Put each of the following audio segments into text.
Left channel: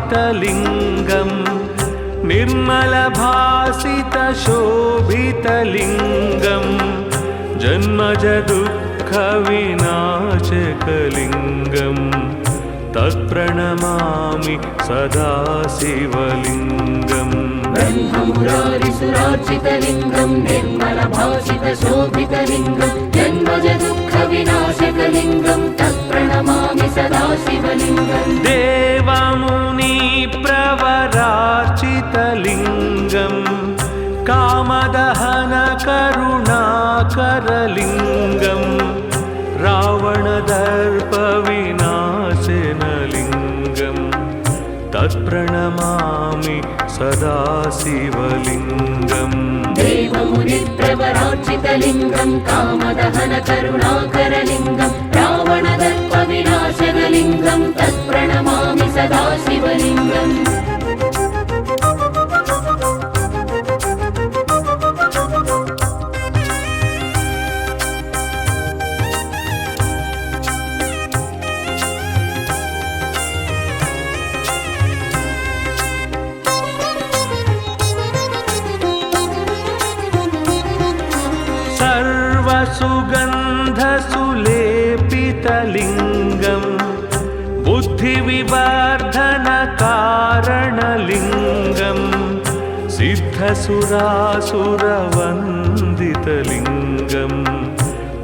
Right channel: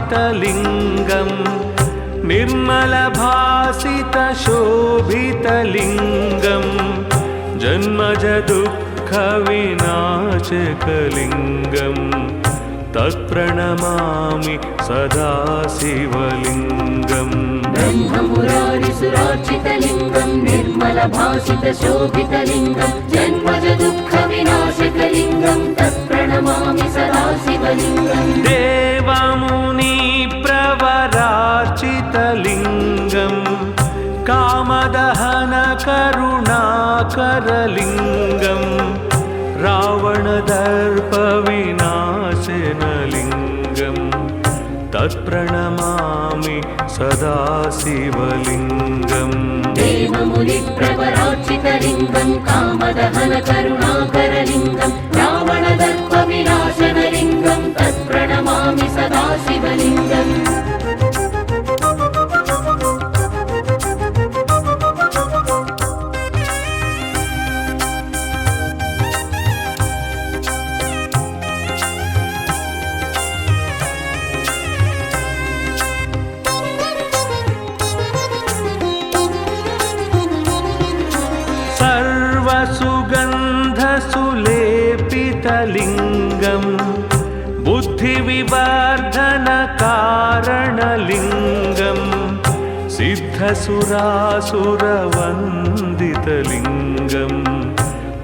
ब्रह्ममुरारिसुराचितलिङ्गं निर्मलभासितशोभितलिङ्गं जन्मजदुःखविनाशकलिङ्गं तत्प्रणमामि सदा शिवलिङ्गम्। ब्रह्ममुरारिसुराचितलिङ्गं निर्मलभासितशोभितलिङ्गं जन्मजदुःखविनाशकलिङ्गं तत्प्रणमामि सदा शिवलिङ्गम्। देवमुनिप्रवरार्चितलिङ्गं कामदहनकरुणाकरलिङ्गं रावणदर्पविनाशनलिङ्गं तत्प्रणमामि सदा शिवलिङ्गम्। देवमुनिप्रवरार्चितलिङ्गं कामदहनकरुणाकरलिङ्गं रावणदर्पविनाशनलिङ्गं तत्प्रणमामि सदा शिवलिङ्गम्। सर्वसुगन्धसुलेपितलिङ्गं बुद्धिविवर्धनकारणलिङ्गं सिद्धसुरासुरवन्दितलिङ्गं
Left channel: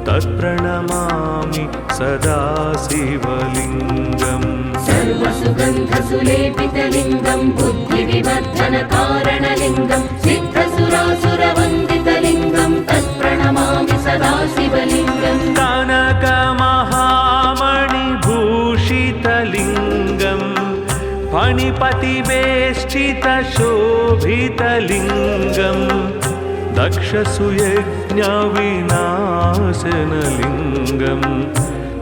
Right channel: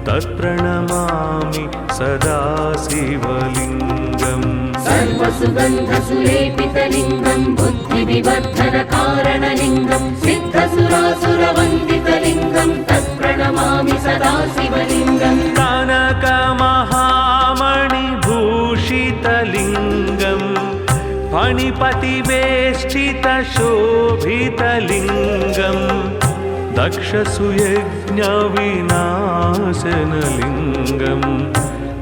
तत्प्रणमामि सदा शिवलिङ्गम्। सर्वसुगन्धसुलेपितलिङ्गं बुद्धिविवर्धनकारणलिङ्गं सिद्धसुरासुरवन्दितलिङ्गं तत्प्रणमामि सदा शिवलिङ्गम्। कनकमहामणिभूषितलिङ्गं फणिपतिवेष्टितशोभितलिङ्गं दक्षसुयज्ञविनाशनलिङ्गं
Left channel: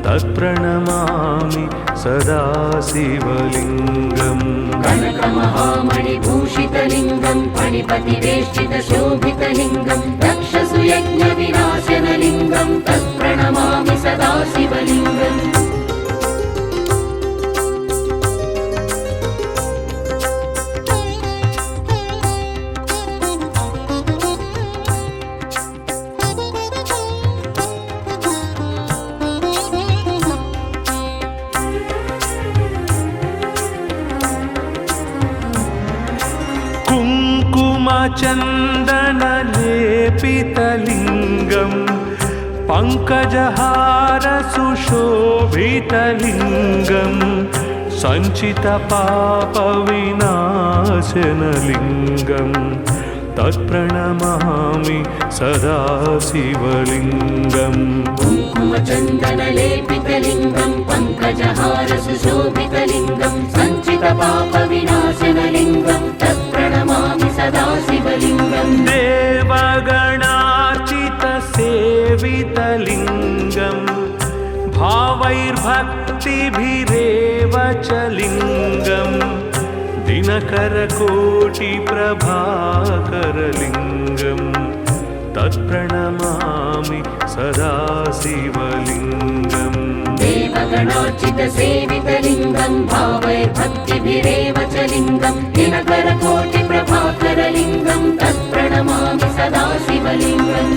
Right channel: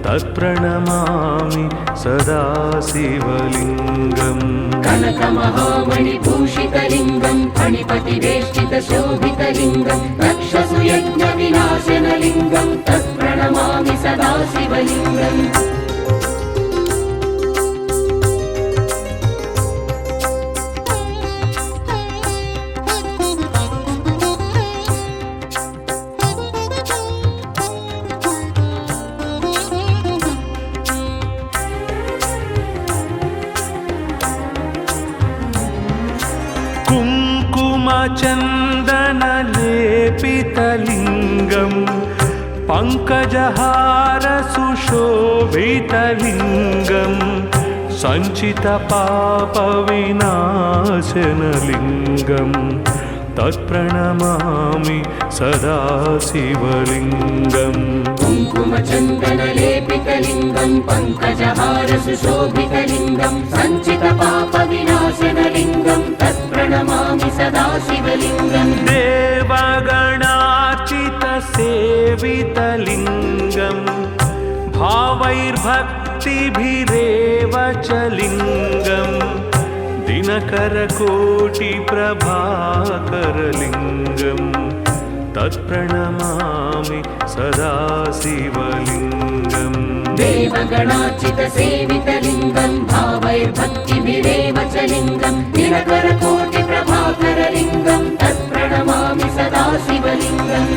तत्प्रणमामि सदा शिवलिङ्गम्। कनकमहामणिभूषितलिङ्गं फणिपतिवेष्टितशोभितलिङ्गं दक्षसुयज्ञविनाशनलिङ्गं तत्प्रणमामि सदा शिवलिङ्गम्। कुङ्कुमचन्दनलेपितलिङ्गं पङ्कजहारसुशोभितलिङ्गं सञ्चितपापविनाशनलिङ्गं तत्प्रणमामि सदा शिवलिङ्गम्। कुङ्कुमचन्दनलेपितलिङ्गं पङ्कजहारसुशोभितलिङ्गं सञ्चितपापविनाशनलिङ्गं तत्प्रणमामि सदा शिवलिङ्गम्। देवगणार्चितसेवितलिङ्गं भावैर्भक्तिभिरेव च लिङ्गं दिनकरकोटिप्रभाकरलिङ्गं तत्प्रणमामि सदा शिवलिङ्गम्। देवगणार्चितसेवितलिङ्गं भावैर्भक्तिभिरेव च लिङ्गं दिनकरकोटिप्रभाकरलिङ्गं तत्प्रणमामि सदा शिवलिङ्गम्।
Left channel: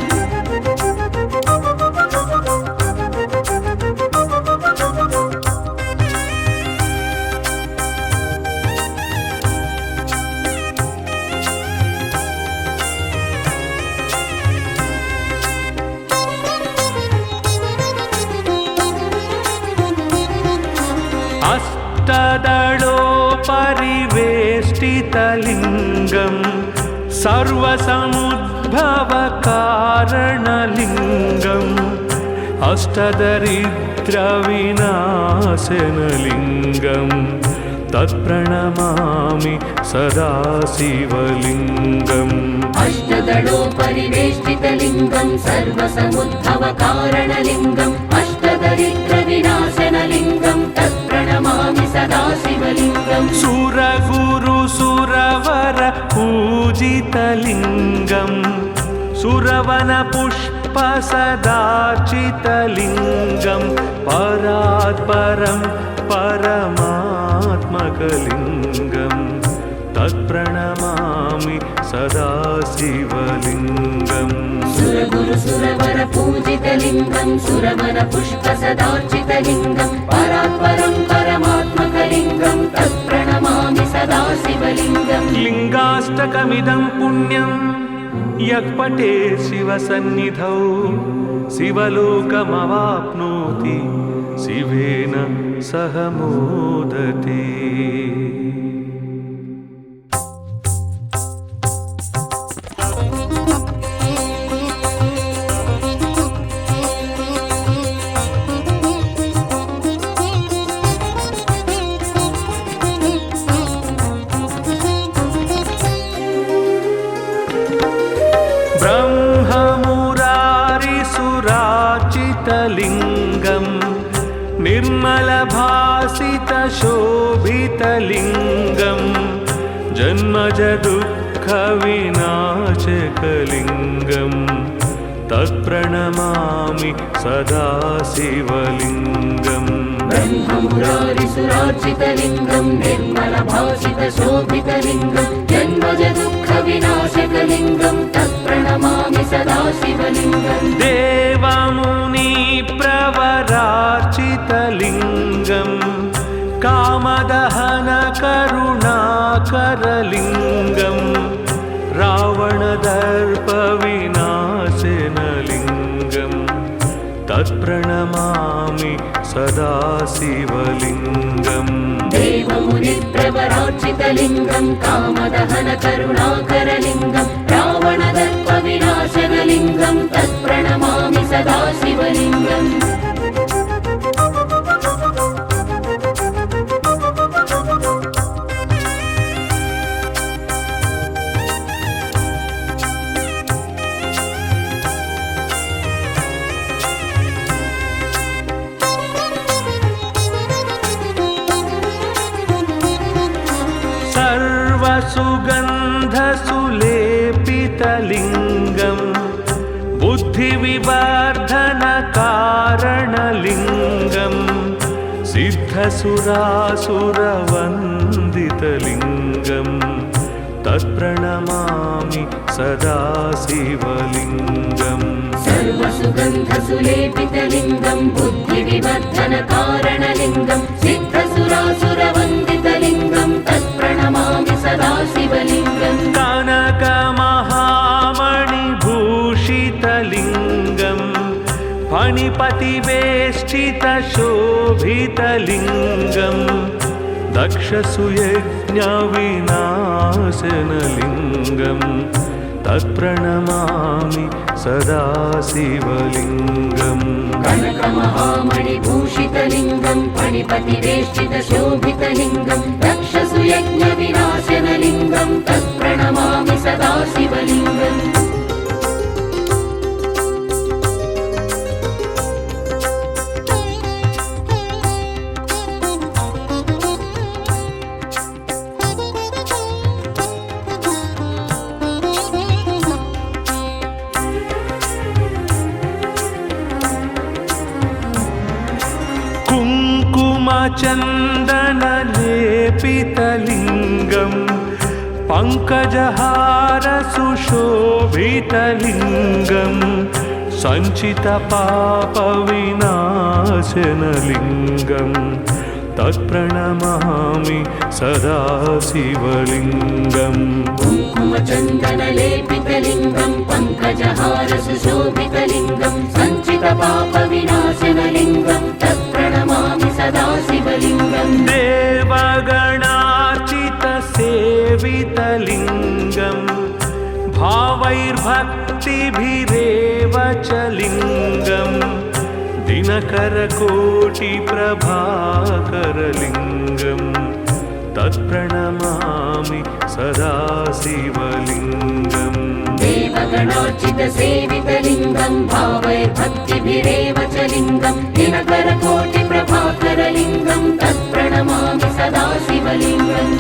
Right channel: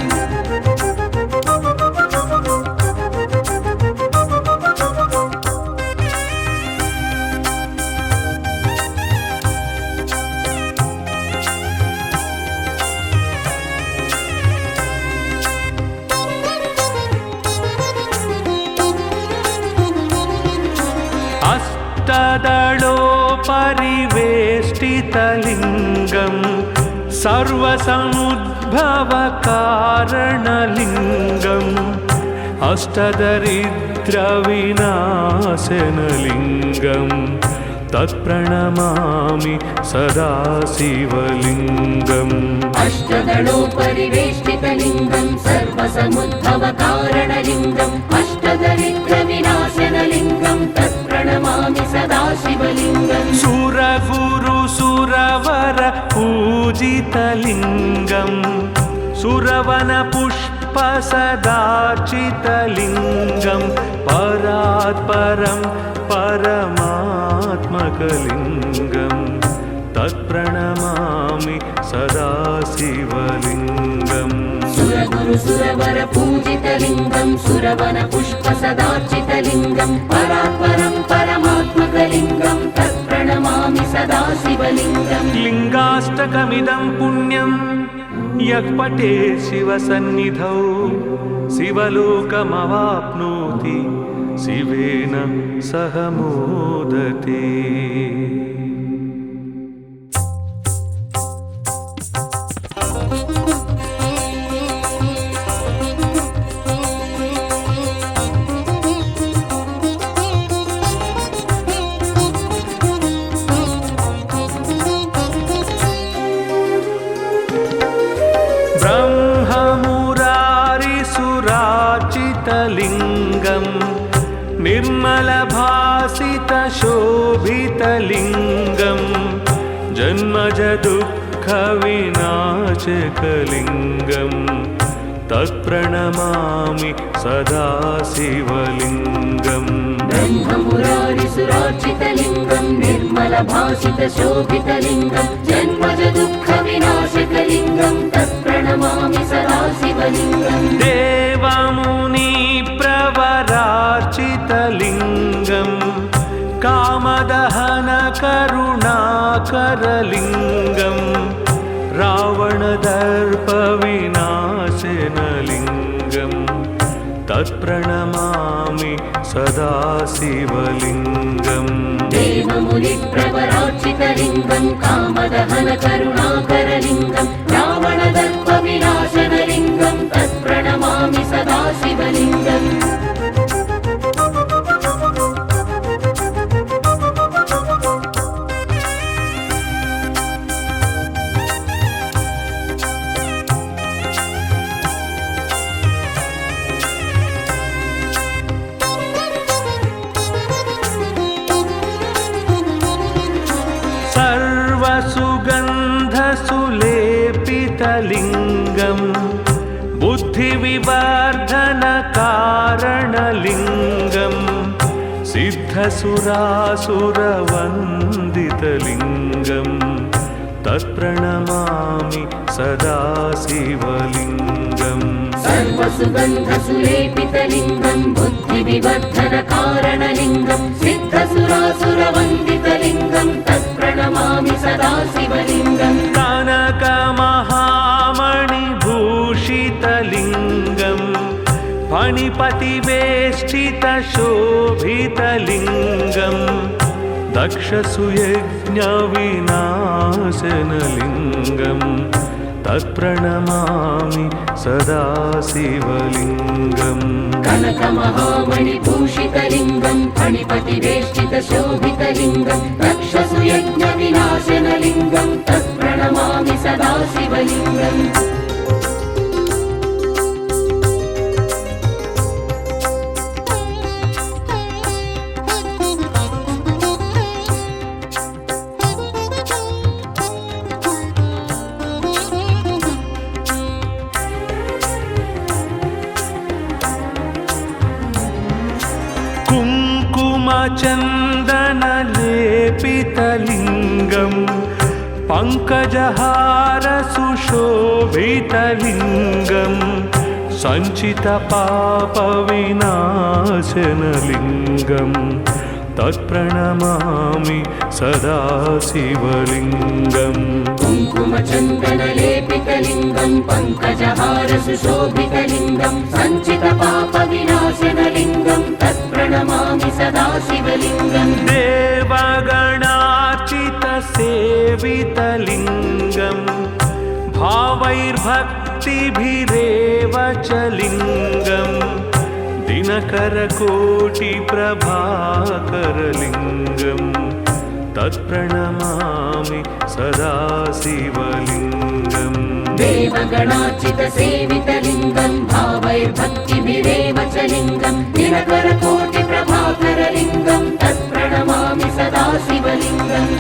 अष्टदलोपरिवेष्टितलिङ्गं सर्वसमुद्भवकारणलिङ्गम् अष्टदरिद्रविनाशनलिङ्गं तत्प्रणमामि सदा शिवलिङ्गम् अष्टदलोपरिवेष्टितलिङ्गं सर्वसमुद्भवकारणलिङ्गम् अष्टदरिद्रविनाशनलिङ्गं तत्प्रणमामि सदा शिवलिङ्गम् सुरगुरुसुरवर पूजितलिङ्गम् सुरवनपुष्पसदार्चितलिङ्गं परात्परं परमात्मकलिङ्गं तत्प्रणमामि सदा शिवलिङ्गम् सुरगुरुसुरवर पूजितलिङ्गं सुरवनपुष्पसदार्चितलिङ्गं परात्परं परमात्मकलिङ्गं तत्प्रणमामि सदा शिवलिङ्गम् लिङ्गाष्टकमिदं पुण्यं यः पठेत् शिवसन्निधौ शिवलोकमवाप्नोति शिवेन सह मोदते। ब्रह्ममुरारिसुरार्चितलिङ्गं निर्मलभासितशोभितलिङ्गं जन्मजदुःखविनाशकलिङ्गं तत्प्रणमामि सदा शिवलिङ्गम् ब्रह्ममुरारिसुरार्चितलिङ्गं निर्मलभासितशोभितलिङ्गं जन्मजदुःखविनाशकलिङ्गं तत्प्रणमामि सदा शिवलिङ्गम् देवमुनिप्रवरार्चितलिङ्गं कामदहनकरुणाकरलिङ्गं रावणदर्पविनाशनलिङ्गं तत्प्रणमामि सदा शिवलिङ्गम् देवमुनिप्रवरार्चितलिङ्गं कामदहनकरुणाकरलिङ्गं रावणदर्पविनाशनलिङ्गं तत्प्रणमामि सदा शिवलिङ्गम् सर्वसुगन्धसुलेपितलिङ्गं बुद्धिविवर्धनकारणलिङ्गं सिद्धसुरासुरवन्दितलिङ्गं तत्प्रणमामि सदा शिवलिङ्गम् सर्वसुगन्धसुलेपितलिङ्गं बुद्धिविवर्धनकारणलिङ्गं सिद्धसुरासुरवन्दितलिङ्गं तत्प्रणमामि सदा शिवलिङ्गम् कनकमहामणिभूषितलिङ्गं फणिपतिवेष्टितशोभितलिङ्गं दक्षसुयज्ञविनाशनलिङ्गं तत्प्रणमामि सदा शिवलिङ्गम् कनकमहामणिभूषितलिङ्गं फणिपतिवेष्टितशोभितलिङ्गं दक्षसुयज्ञविनाशनलिङ्गं तत्प्रणमामि सदा शिवलिङ्गम् कुङ्कुमचन्दनलेपितलिङ्गं पङ्कजहारसुशोभितलिङ्गं सञ्चितपापविनाशनलिङ्गं तत्प्रणमामि सदा शिवलिङ्गम् कुङ्कुमचन्दनलेपितलिङ्गं पङ्कजहारसुशोभितलिङ्गं सञ्चितपापविनाशनलिङ्गं तत्प्रणमामि सदा शिवलिङ्गम् देवगणार्चितसेवितलिङ्गं भावैर्भक्तिभिरेव च लिङ्गं दिनकरकोटिप्रभाकरलिङ्गं तत्प्रणमामि सदा शिवलिङ्गम् देवगणार्चितसेवितलिङ्गं भावैर्भक्तिभिरेव च लिङ्गं दिनकरकोटिप्रभाकरलिङ्गं तत्प्रणमामि सदा शिवलिङ्गम्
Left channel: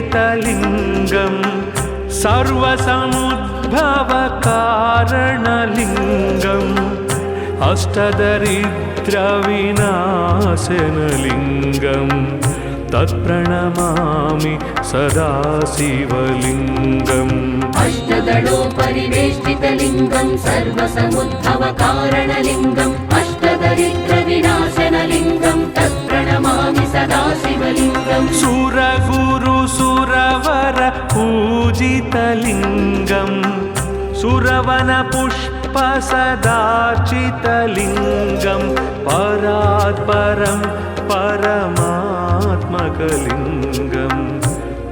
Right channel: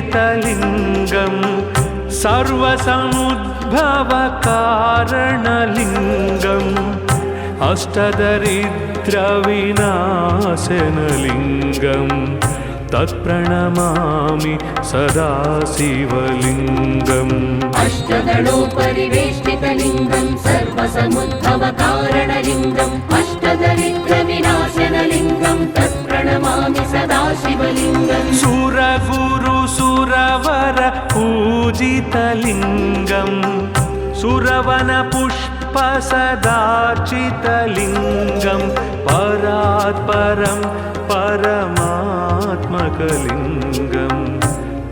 अष्टदलोपरिवेष्टितलिङ्गं सर्वसमुद्भवकारणलिङ्गम् अष्टदरिद्रविनाशनलिङ्गं तत्प्रणमामि सदा शिवलिङ्गम् अष्टदलोपरिवेष्टितलिङ्गं सर्वसमुद्भवकारणलिङ्गम् अष्टदरिद्रविनाशनलिङ्गं तत्प्रणमामि सदा शिवलिङ्गम् सुरगुरुसुरवर पूजितलिङ्गं सुरवनपुष्पसदार्चितलिङ्गं परात्परं परमात्मकलिङ्गं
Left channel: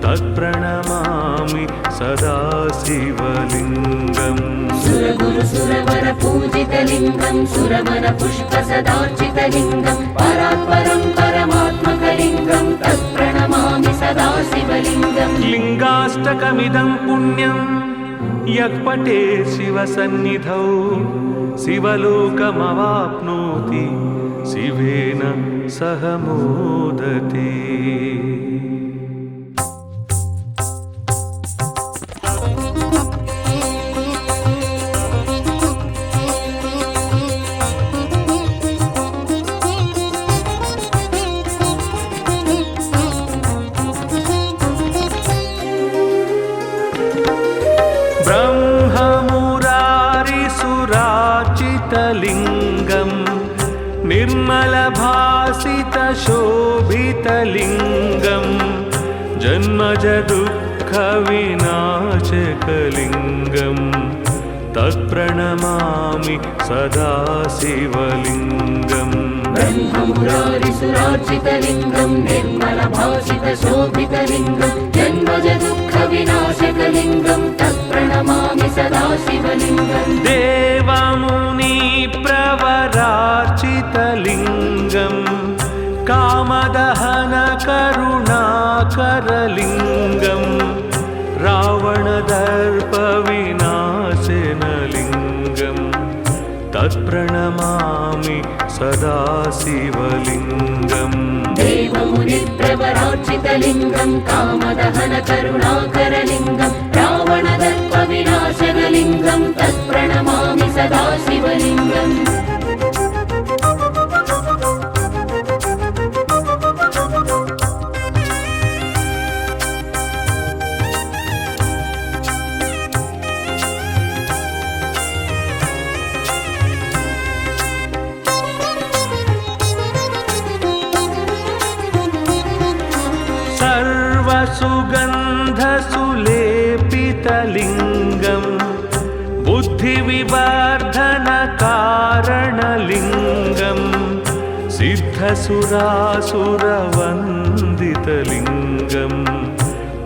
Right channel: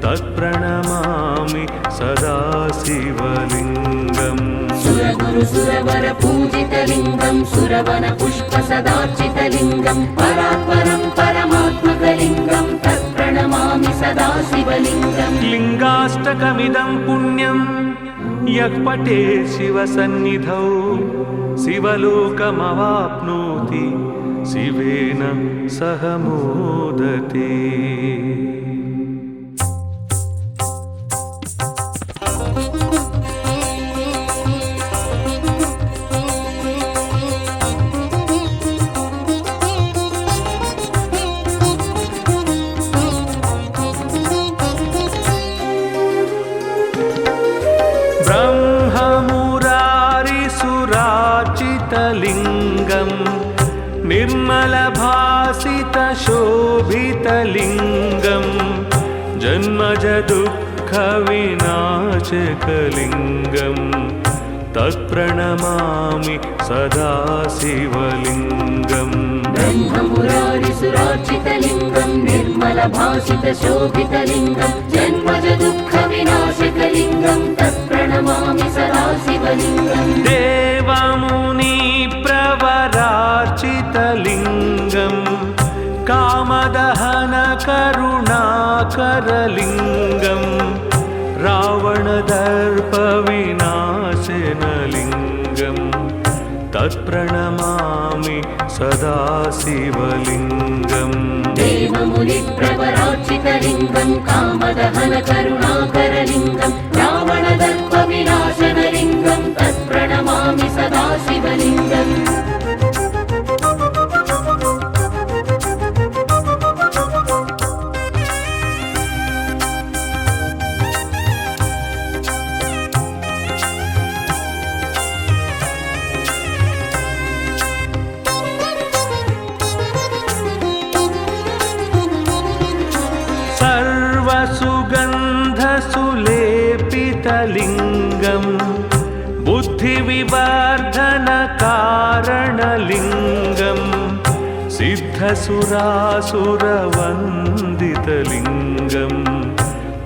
तत्प्रणमामि सदा शिवलिङ्गम् सुरगुरुसुरवर पूजितलिङ्गं सुरवनपुष्पसदार्चितलिङ्गं परात्परं परमात्मकलिङ्गं तत्प्रणमामि सदा शिवलिङ्गम् लिङ्गाष्टकमिदं पुण्यं यः पठेत् शिवसन्निधौ शिवलोकमवाप्नोति शिवेन सह मोदते। ब्रह्ममुरारिसुरार्चितलिङ्गं निर्मलभासितशोभितलिङ्गं जन्मजदुःखविनाशकलिङ्गं तत्प्रणमामि सदा शिवलिङ्गम् ब्रह्ममुरारिसुरार्चितलिङ्गं निर्मलभासितशोभितलिङ्गं जन्मजदुःखविनाशकलिङ्गं तत्प्रणमामि सदा शिवलिङ्गम् देवमुनिप्रवरार्चितलिङ्गं कामदहनकरुणाकरलिङ्गं रावणदर्पविनाशनलिङ्गं तत्प्रणमामि सदा शिवलिङ्गम् देवमुनिप्रवरार्चितलिङ्गं कामदहनकरुणाकरलिङ्गं रावणदर्पविनाशनलिङ्गं तत्प्रणमामि सदा शिवलिङ्गम् सर्वसुगन्धसुलेपितलिङ्गं बुद्धिविवर्धनकारणलिङ्गं सिद्धसुरासुरवन्दितलिङ्गं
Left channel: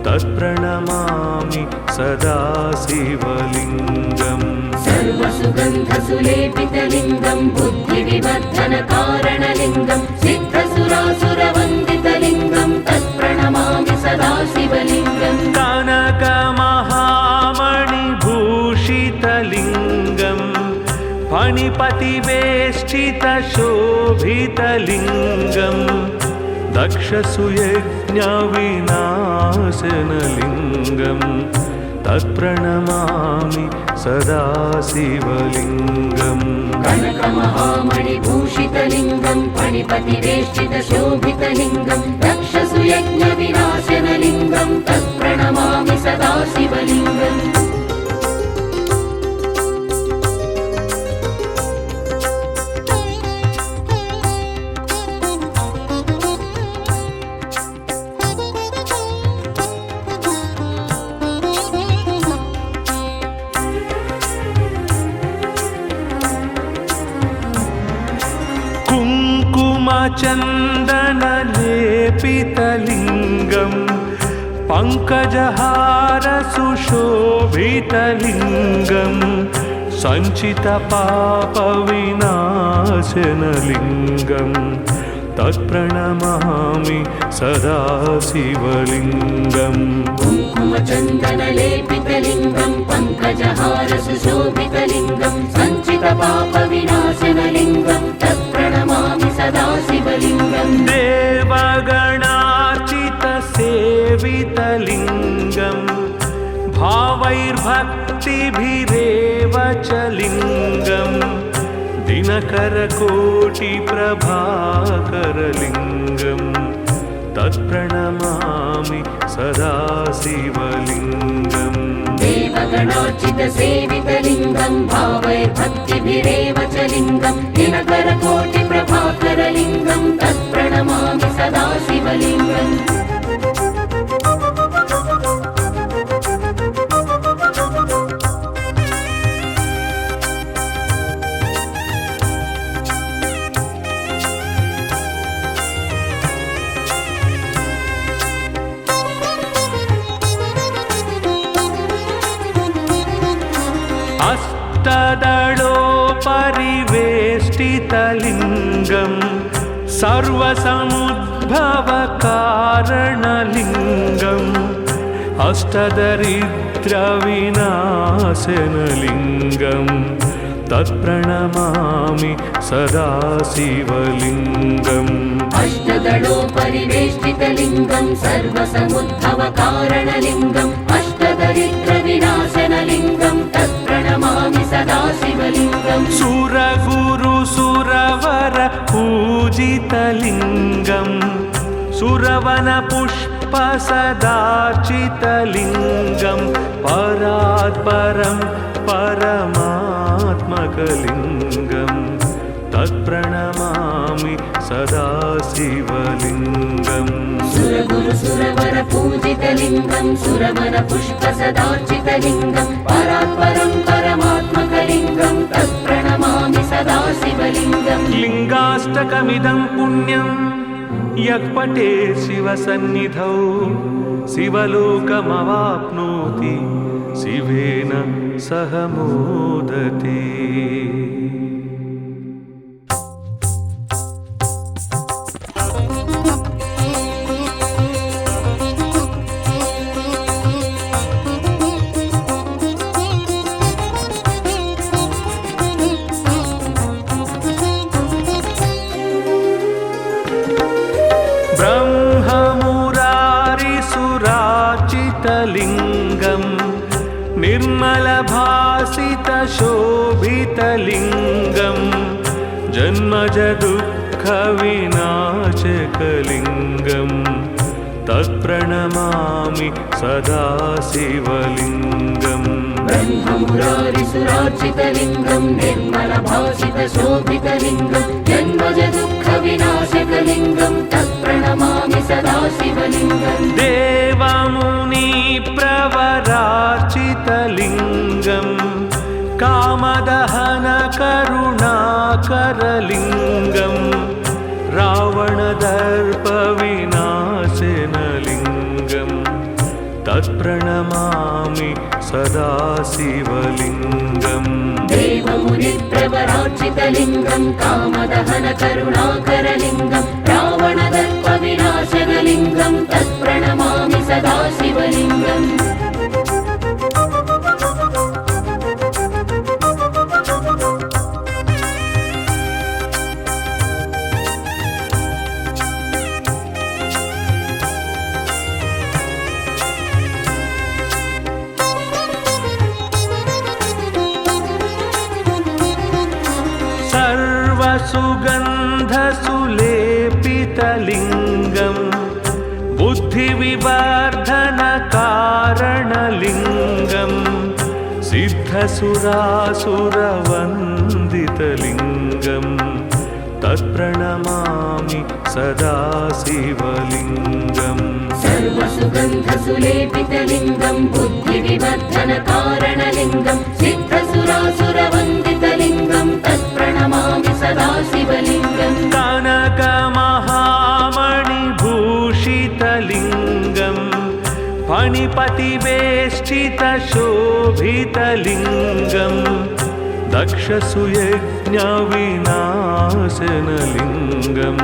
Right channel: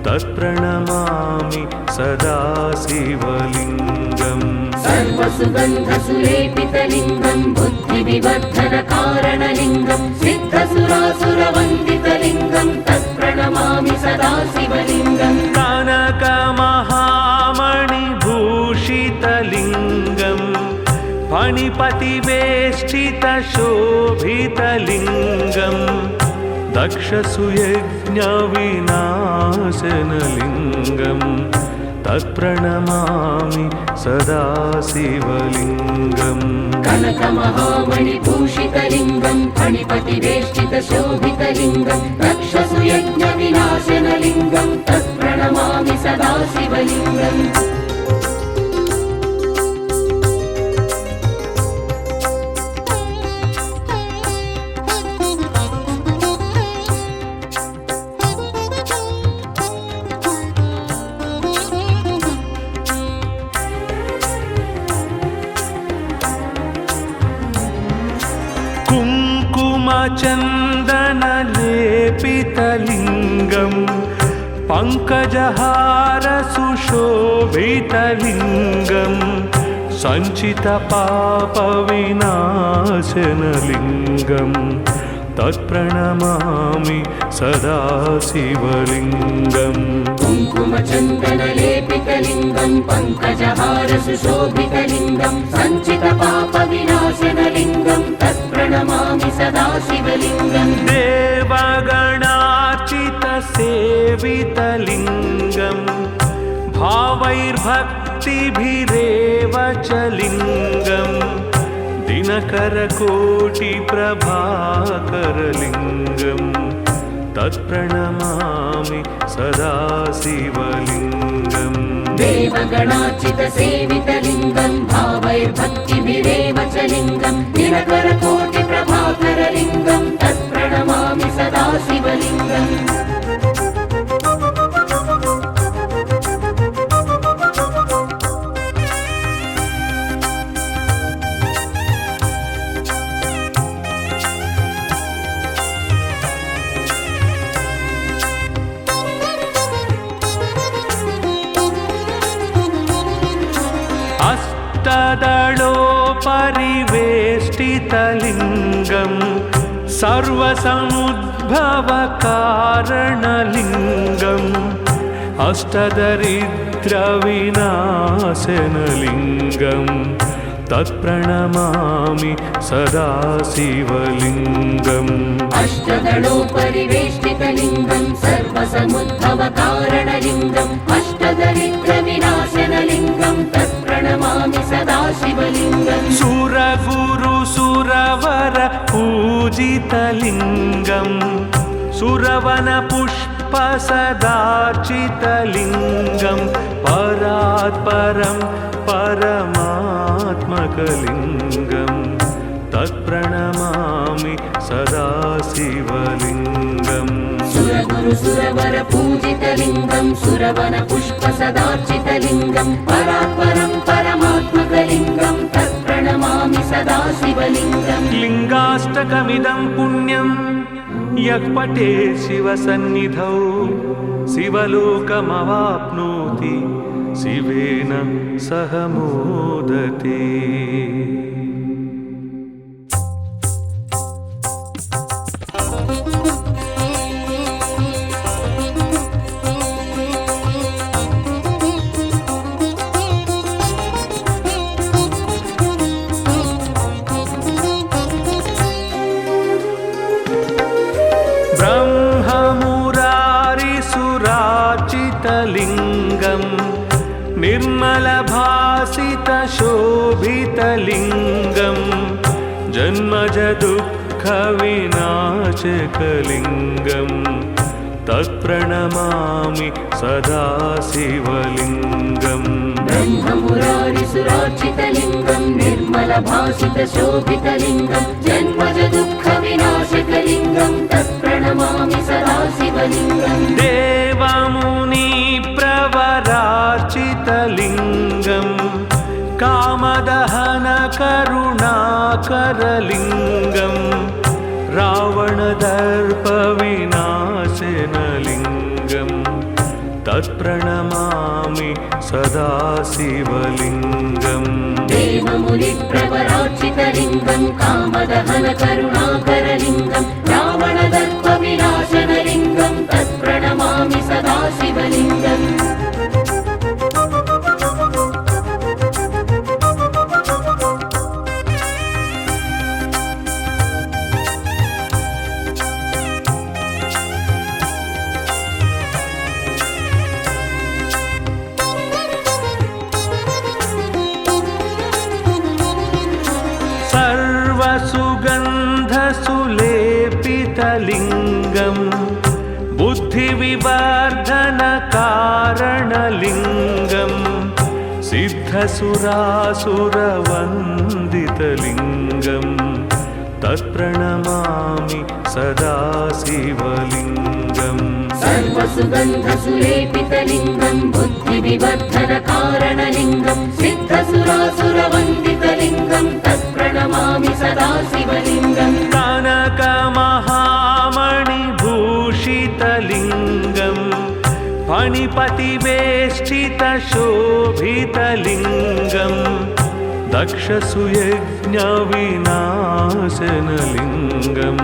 तत्प्रणमामि सदा शिवलिङ्गम् सर्वसुगन्धसुलेपितलिङ्गं बुद्धिविवर्धनकारणलिङ्गं सिद्धसुरासुरवन्दितलिङ्गं तत्प्रणमामि सदा शिवलिङ्गम् कनकमहामणिभूषितलिङ्गं फणिपतिवेष्टितशोभितलिङ्गं दक्षसुयज्ञविनाशनलिङ्गं तत्प्रणमामि सदा शिवलिङ्गम् कनकमहामणिभूषितलिङ्गं फणिपतिवेष्टितशोभितलिङ्गं दक्षसुयज्ञविनाशनलिङ्गं तत्प्रणमामि सदा शिवलिङ्गम् कुङ्कुमचन्दनलेपितलिङ्गं पङ्कजहारसुशोभितलिङ्गं सञ्चितपापविनाशनलिङ्गं तत्प्रणमामि सदा शिवलिङ्गम् कुङ्कुमचन्दनलेपितलिङ्गं पङ्कजहारसुशोभितलिङ्गं सञ्चितपापविनाशनलिङ्गं तत्प्रणमामि सदा शिवलिङ्गम् देवगणार्चितसेवितलिङ्गं भावैर्भक्तिभिरेव च लिङ्गं दिनकरकोटिप्रभाकरलिङ्गं तत्प्रणमामि सदा शिवलिङ्गम् देवगणार्चितसेवितलिङ्गं भावैर्भक्तिभिरेव च लिङ्गं दिनकरकोटिप्रभाकरलिङ्गं तत्प्रणमामि सदा शिवलिङ्गम् अष्टदलोपरिवेष्टितलिङ्गं सर्वसमुद्भवकारणलिङ्गम् अष्टदरिद्रविनाशनलिङ्गं तत्प्रणमामि सदा शिवलिङ्गम् अष्टदलोपरिवेष्टितलिङ्गं सर्वसमुद्भवकारणलिङ्गम् अष्टदरिद्रविनाशनलिङ्गं तत्प्रणमामि सदा शिवलिङ्गम् सुरगुरुसुरवर पूजितलिङ्गं सुरवनपुष्पसदार्चितलिङ्गं परात्परं परमात्मकलिङ्गं तत्प्रणमामि सदा शिवलिङ्गम् सुरगुरुसुरवर पूजितलिङ्गं सुरवनपुष्पसदार्चितलिङ्गं परात्परं परमात्मकलिङ्गं तत्प्रणमामि सदा शिवलिङ्गम् लिङ्गाष्टकमिदं पुण्यं यः पठेत् शिवसन्निधौ शिवलोकमवाप्नोति शिवेन सह मोदते। ब्रह्ममुरारिसुरार्चितलिङ्गं निर्मलभासितशोभितलिङ्गं जन्मजदुःखविनाशकलिङ्गं तत्प्रणमामि सदा शिवलिङ्गम् ब्रह्ममुरारिसुरार्चितलिङ्गं निर्मलभासितशोभितलिङ्गं जन्मजदुःखविनाशकलिङ्गं तत्प्रणमामि सदा शिवलिङ्गम् देवमुनिप्रवरार्चितलिङ्गं कामदहनकरुणाकरलिङ्गं रावणदर्पविनाशनलिङ्गं तत्प्रणमामि सदा शिवलिङ्गम् देवमुनिप्रवरार्चितलिङ्गं कामदहनकरुणाकरलिङ्गं रावणदर्पविनाशनलिङ्गं तत्प्रणमामि सदा शिवलिङ्गम् सर्वसुगन्धसुलेपितलिङ्गं बुद्धिविवर्धनकारणलिङ्गं सिद्धसुरासुरवन्दितलिङ्गं तत्प्रणमामि सदा शिवलिङ्गम् सर्वसुगन्धसुलेपितलिङ्गं बुद्धिविवर्धनकारणलिङ्गं सिद्धसुरासुरवन्दितलिङ्गं तत्प्रणमामि सदा शिवलिङ्गम् कनकमा भूषितलिङ्गं फणिपतिवेष्टितशोभितलिङ्गं दक्षसुयज्ञविनाशनलिङ्गं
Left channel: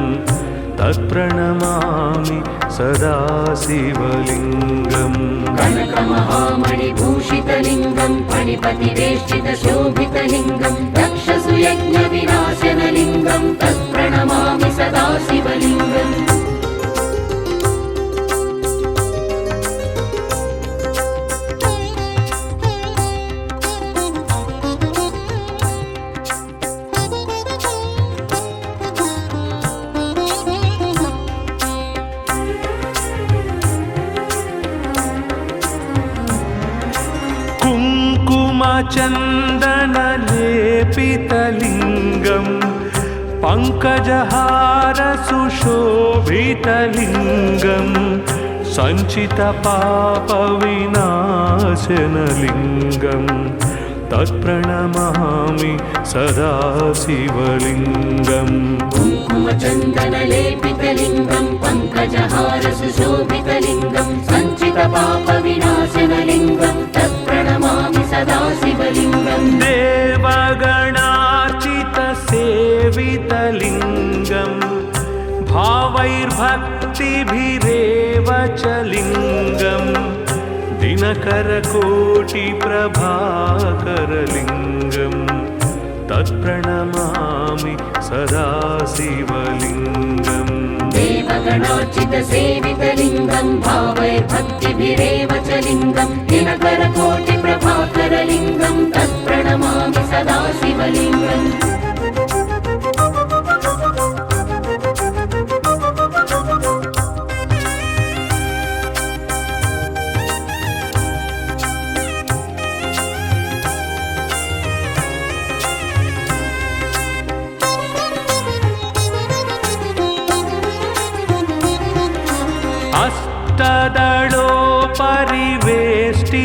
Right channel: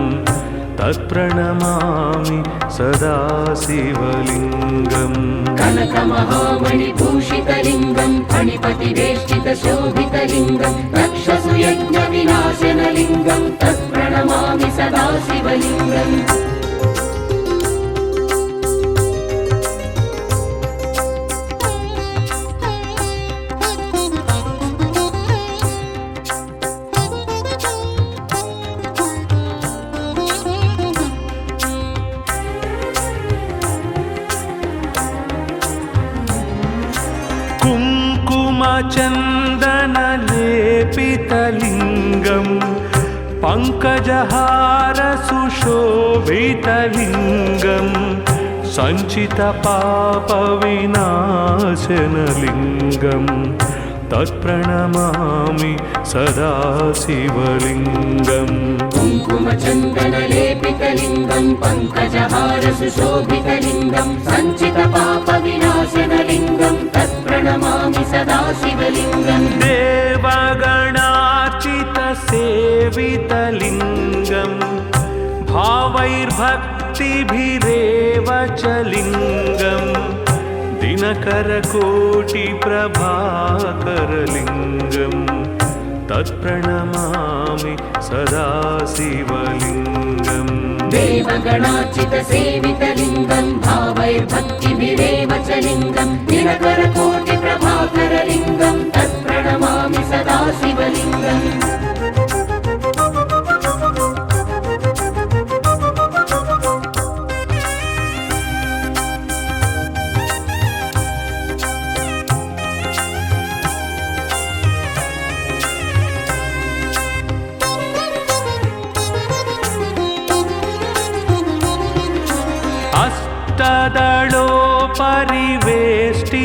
तत्प्रणमामि सदा शिवलिङ्गम् कनकमहामणिभूषितलिङ्गं फणिपतिवेष्टितशोभितलिङ्गं दक्षसुयज्ञविनाशनलिङ्गं तत्प्रणमामि सदा शिवलिङ्गम् कुङ्कुमचन्दनलेपितलिङ्गं पङ्कजहारसुशोभितलिङ्गं सञ्चितपापविनाशनलिङ्गं तत्प्रणमामि सदा शिवलिङ्गम् कुङ्कुमचन्दनलेपितलिङ्गं पङ्कजहारसुशोभितलिङ्गं सञ्चितपापविनाशनलिङ्गं तत्प्रणमामि सदा शिवलिङ्गम् देवगणार्चितसेवितलिङ्गं भावैर्भक्तिभिरेव च लिङ्गं दिनकरकोटिप्रभाकरलिङ्गं तत्प्रणमामि सदा शिवलिङ्गम् देवगणार्चितसेवितलिङ्गं भावैर्भक्तिभिरेव च लिङ्गं दिनकरकोटिप्रभाकरलिङ्गं तत्प्रणमामि सदा शिवलिङ्गम्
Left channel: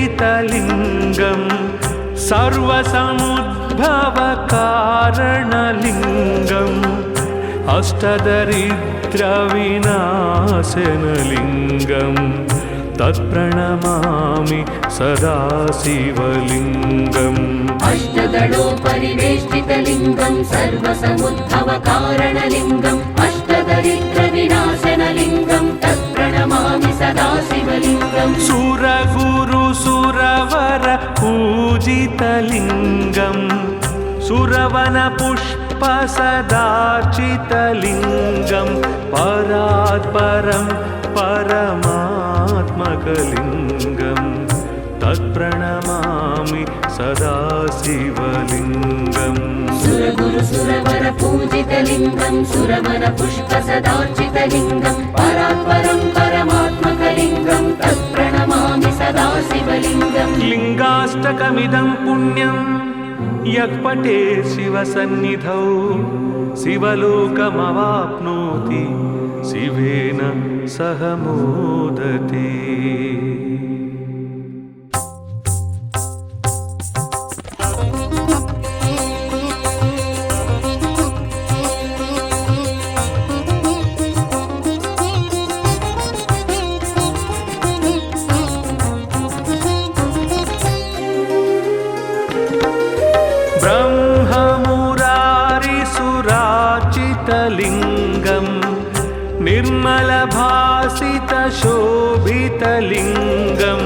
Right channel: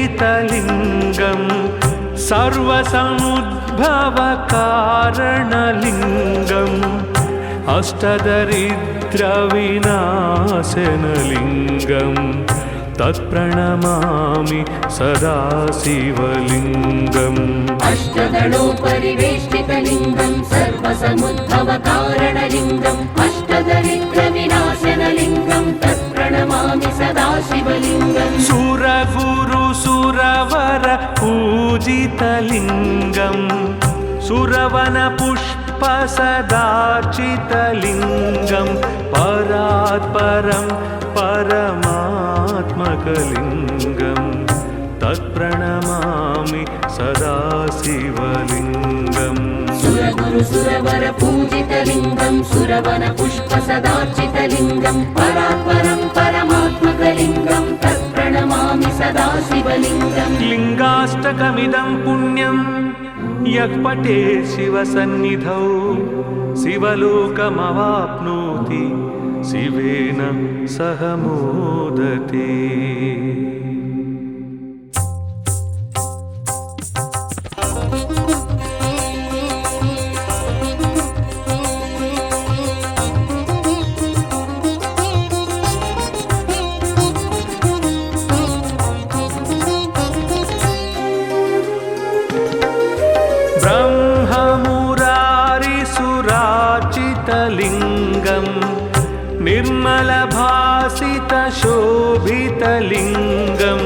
अष्टदलोपरिवेष्टितलिङ्गं सर्वसमुद्भवकारणलिङ्गम् अष्टदरिद्रविनाशनलिङ्गं तत्प्रणमामि सदा शिवलिङ्गम् अष्टदलोपरिवेष्टितलिङ्गं सर्वसमुद्भवकारणलिङ्गम् अष्टदरिद्रविनाशनलिङ्गं तत्प्रणमामि सदा शिवलिङ्गम् सुरगुरुसुरवर पूजितलिङ्गं सुरवनपुष्पसदार्चितलिङ्गं परात्परं परमात्मकलिङ्गं तत्प्रणमामि सदा शिवलिङ्गम् सुरगुरुसुरवर पूजितलिङ्गं सुरवनपुष्पसदार्चितलिङ्गं परात्परं परमात्मकलिङ्गं तत्प्रणमामि सदा शिवलिङ्गम् लिङ्गाष्टकमिदं पुण्यं यः पठे शिवसन्निधौ शिवलोकमवाप्नोति शिवेन सह मोदते। ब्रह्ममुरारिसुराचितलिङ्गं निर्मलभासितशोभितलिङ्गं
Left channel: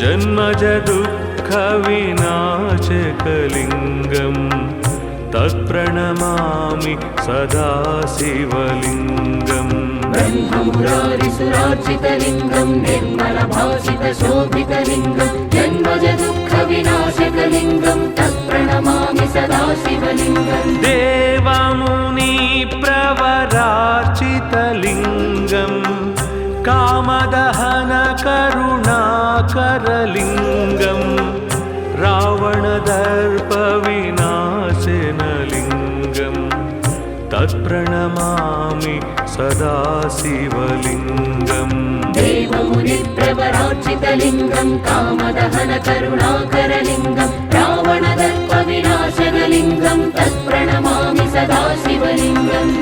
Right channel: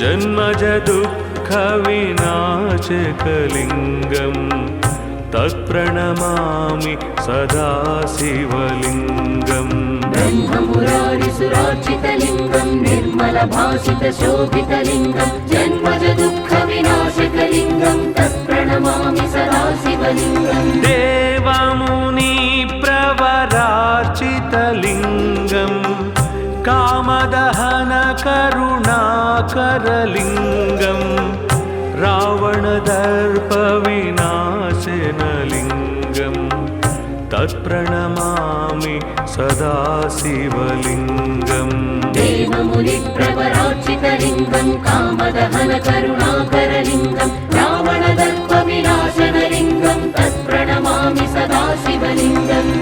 जन्मजदुःखविनाशकलिङ्गं तत्प्रणमामि सदा शिवलिङ्गम् ब्रह्ममुरारिसुराचितलिङ्गं निर्मलभासितशोभितलिङ्गं जन्मजदुःखविनाशकलिङ्गं तत्प्रणमामि सदा शिवलिङ्गम् देवमुनिप्रवरार्चितलिङ्गं कामदहनकरुणाकरलिङ्गं रावणदर्पविनाशनलिङ्गं तत्प्रणमामि सदा शिवलिङ्गम् देवमुनिप्रवरार्चितलिङ्गं कामदहनकरुणाकरलिङ्गं रावणदर्पविनाशनलिङ्गं तत्प्रणमामि सदा शिवलिङ्गम्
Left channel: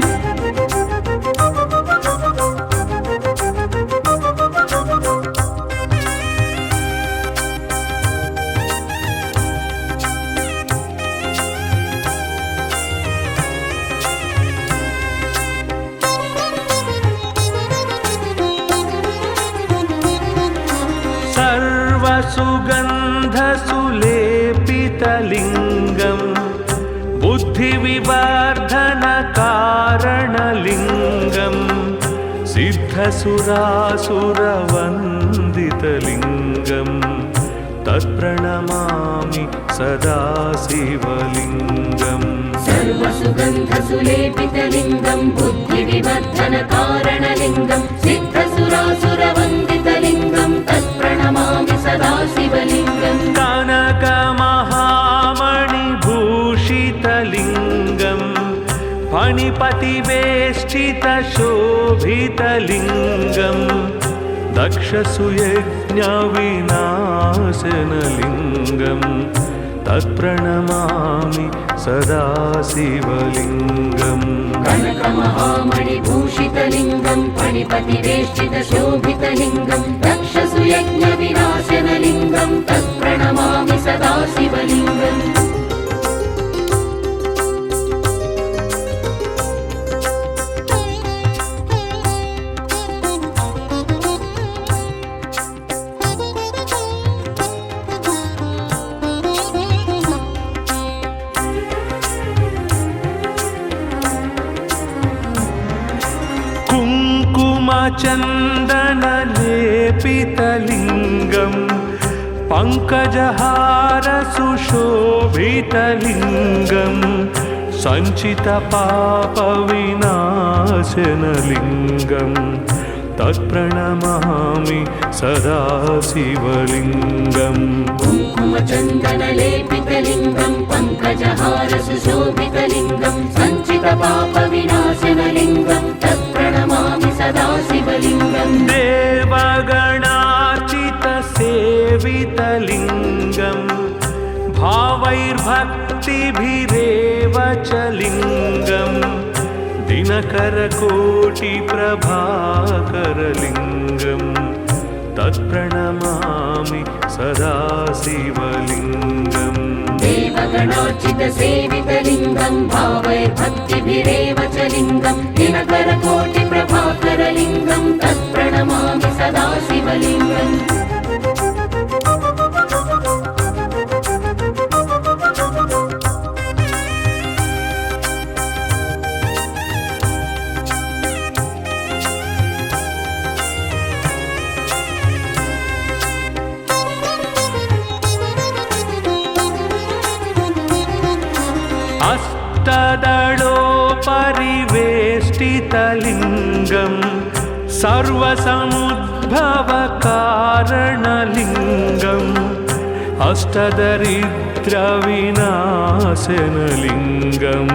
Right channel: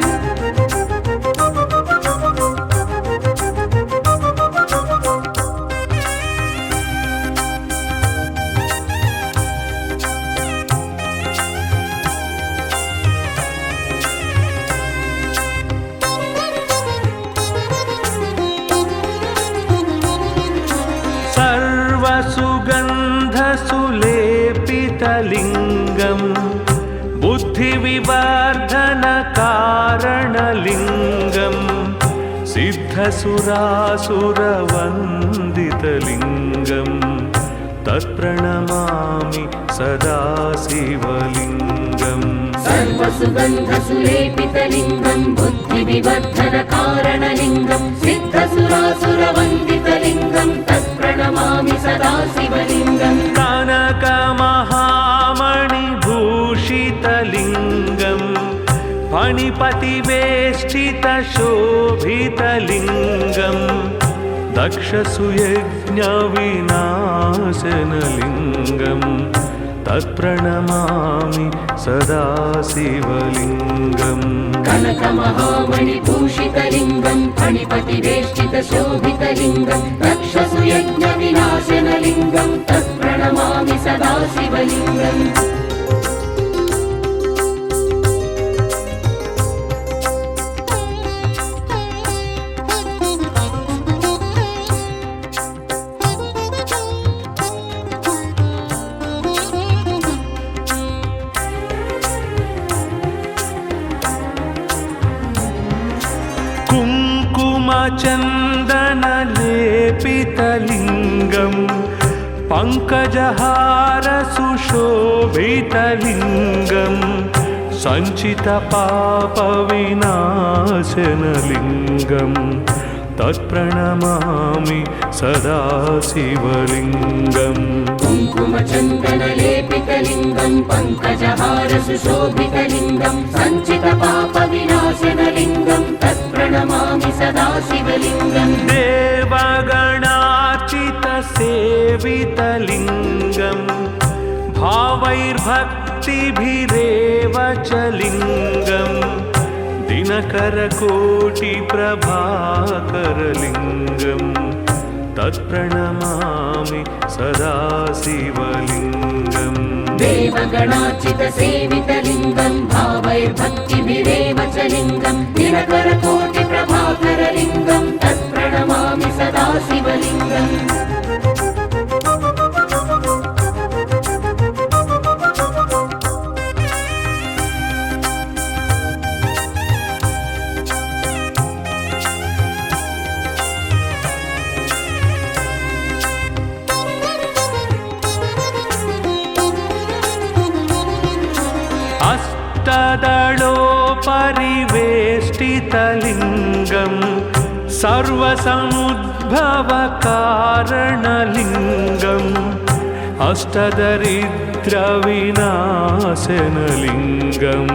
सर्वसुगन्धसुलेपितलिङ्गं बुद्धिविवर्धनकारणलिङ्गं सिद्धसुरासुरवन्दितलिङ्गं तत्प्रणमामि सदा शिवलिङ्गम् सर्वसुगन्धसुलेपितलिङ्गं बुद्धिविवर्धनकारणलिङ्गं सिद्धसुरासुरवन्दितलिङ्गं तत्प्रणमामि सदा शिवलिङ्गम् कनकमहामणिभूषितलिङ्गं फणिपतिवेष्टितशोभितलिङ्गं दक्षसुयज्ञविनाशनलिङ्गं तत्प्रणमामि सदा शिवलिङ्गम् कनकमहामणिभूषितलिङ्गं फणिपतिवेष्टितशोभितलिङ्गं दक्षसुयज्ञविनाशनलिङ्गं तत्प्रणमामि सदा शिवलिङ्गम् कुङ्कुमचन्दनलेपितलिङ्गं पङ्कजहारसुशोभितलिङ्गं सञ्चितपापविनाशनलिङ्गं तत्प्रणमामि सदा शिवलिङ्गम् कुङ्कुमचन्दनलेपितलिङ्गं पङ्कजहारसुशोभितलिङ्गं सञ्चितपापविनाशनलिङ्गं तत्प्रणमामि सदा शिवलिङ्गम् देवगणार्चितसेवितलिङ्गं भावैर्भक्तिभिरेव च लिङ्गं दिनकरकोटिप्रभाकरलिङ्गं तत्प्रणमामि सदा शिवलिङ्गम् देवगणार्चितसेवितलिङ्गं भावैर्भक्तिभिरेव च लिङ्गं दिनकरकोटिप्रभाकरलिङ्गं तत्प्रणमामि सदा शिवलिङ्गम् अष्टदलोपरिवेष्टितलिङ्गं सर्वसमुद्भवकारणलिङ्गम् अष्टदरिद्रविनाशनलिङ्गं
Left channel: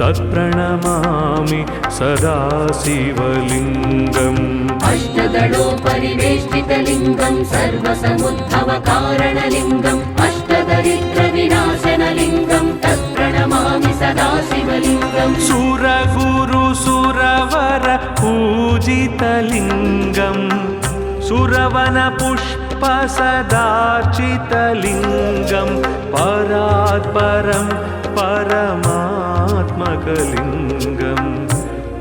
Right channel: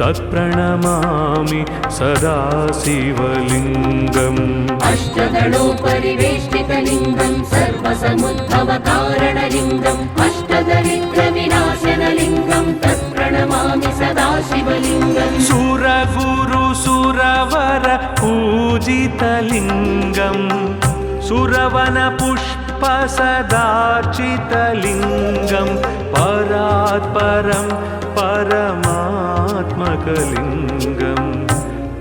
तत्प्रणमामि सदा शिवलिङ्गम् अष्टदलोपरिवेष्टितलिङ्गं सर्वसमुद्भवकारणलिङ्गम् अष्टदरिद्रविनाशनलिङ्गं तत्प्रणमामि सदा शिवलिङ्गम् सुरगुरुसुरवर पूजितलिङ्गं सुरवनपुष्पसदार्चितलिङ्गं परात्परं परमात्मकलिङ्गं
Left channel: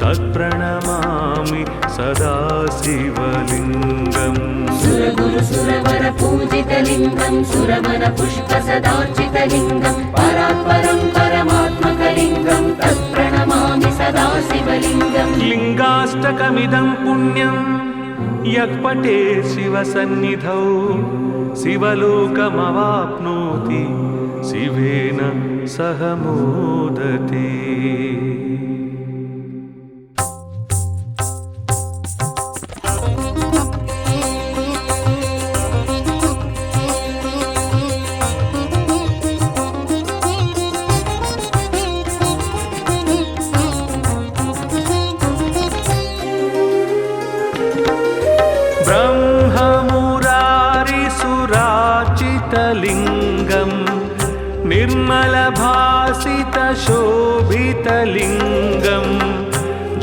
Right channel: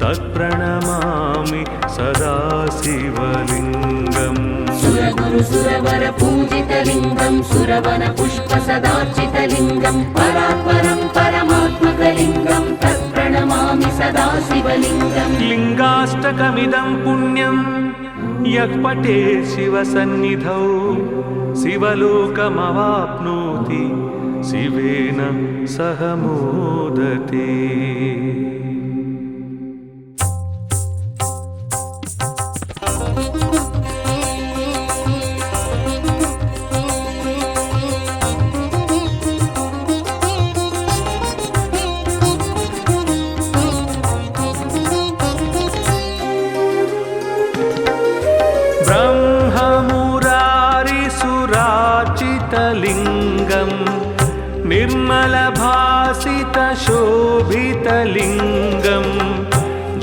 तत्प्रणमामि सदा शिवलिङ्गम् सुरगुरुसुरवर पूजितलिङ्गं सुरवनपुष्पसदार्चितलिङ्गं परात्परं परमात्मकलिङ्गं तत्प्रणमामि सदा शिवलिङ्गम् लिङ्गाष्टकमिदं पुण्यं यः पठेत् शिवसन्निधौ शिवलोकमवाप्नोति शिवेन सह मोदते। ब्रह्ममुरारिसुरार्चितलिङ्गं निर्मलभासितशोभितलिङ्गं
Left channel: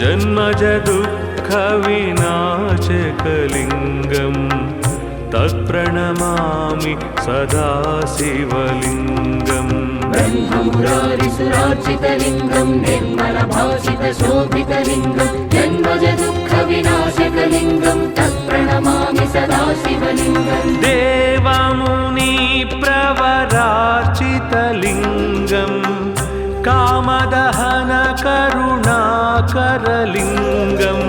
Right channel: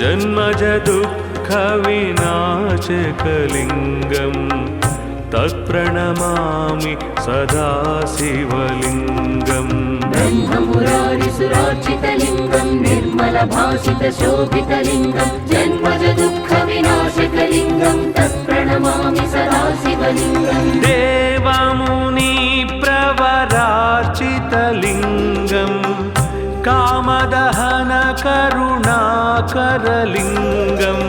जन्मजदुःखविनाशकलिङ्गं तत्प्रणमामि सदा शिवलिङ्गम् ब्रह्ममुरारिसुरार्चितलिङ्गं निर्मलभासितशोभितलिङ्गं जन्मजदुःखविनाशकलिङ्गं तत्प्रणमामि सदा शिवलिङ्गम् पराजितलिङ्गं कामदहनकरुणाकरलिङ्गं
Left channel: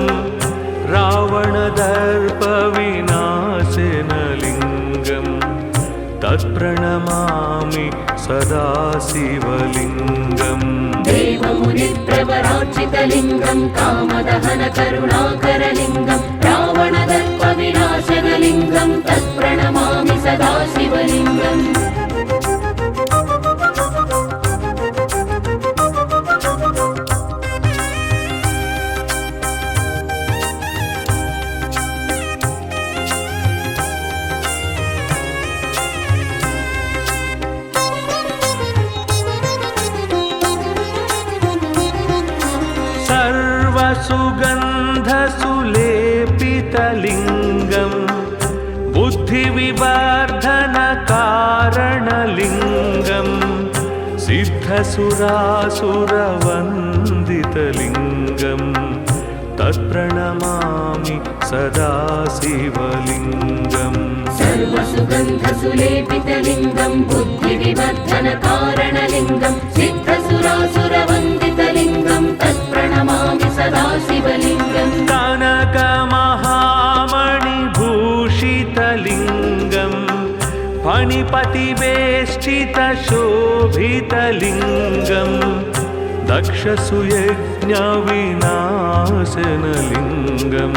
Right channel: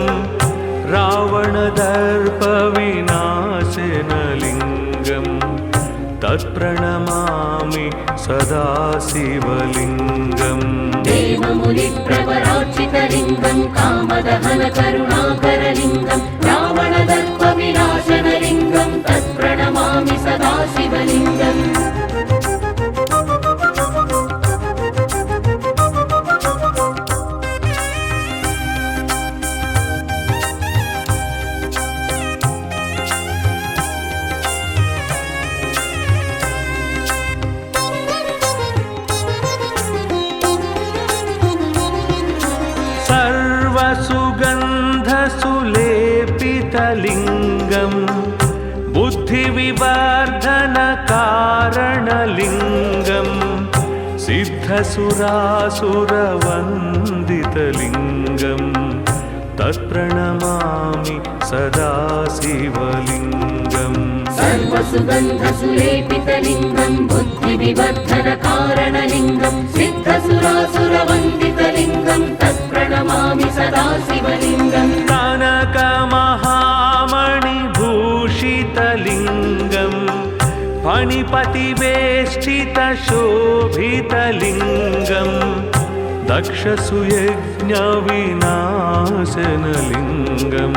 रावणदर्पविनाशनलिङ्गं तत्प्रणमामि सदा शिवलिङ्गम् देवमुनिप्रवरार्चितलिङ्गं कामदहनकरुणाकरलिङ्गं रावणदर्पविनाशनलिङ्गं तत्प्रणमामि सदा शिवलिङ्गम् सर्वसुगन्धसुलेपितलिङ्गं बुद्धिविवर्धनकारणलिङ्गं सिद्धसुरासुरवन्दितलिङ्गं तत्प्रणमामि सदा शिवलिङ्गम् सर्वसुगन्धसुलेपितलिङ्गं बुद्धिविवर्धनकारणलिङ्गं सिद्धसुरासुरवन्दितलिङ्गं तत्प्रणमामि सदा शिवलिङ्गम् कनकमहामणिभूषितलिङ्गं फणिपतिवेष्टितशोभितलिङ्गं दक्षसुयज्ञविनाशनलिङ्गं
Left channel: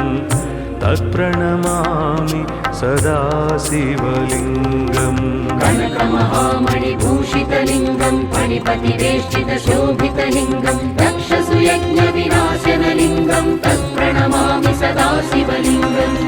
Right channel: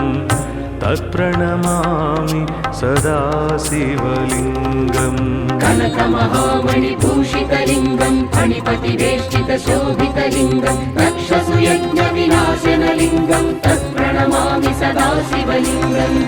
तत्प्रणमामि सदा शिवलिङ्गम् कनकमहामणिभूषितलिङ्गं फणिपतिवेष्टितशोभितलिङ्गं दक्षसुयज्ञविनाशनलिङ्गं तत्प्रणमामि सदा शिवलिङ्गम्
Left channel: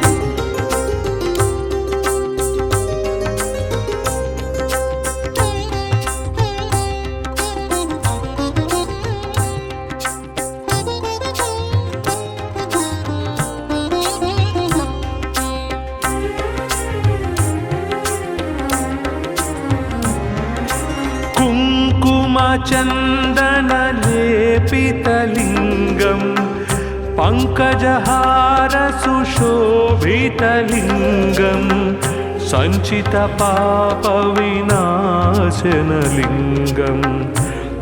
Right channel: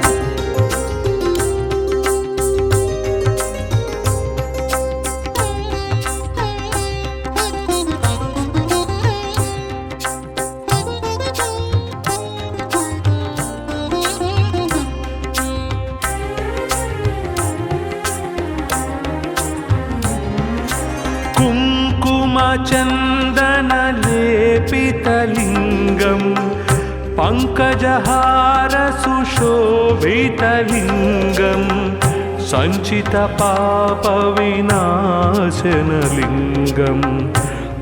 कुङ्कुमचन्दनलेपितलिङ्गं पङ्कजहारसुशोभितलिङ्गं सञ्चितपापविनाशनलिङ्गं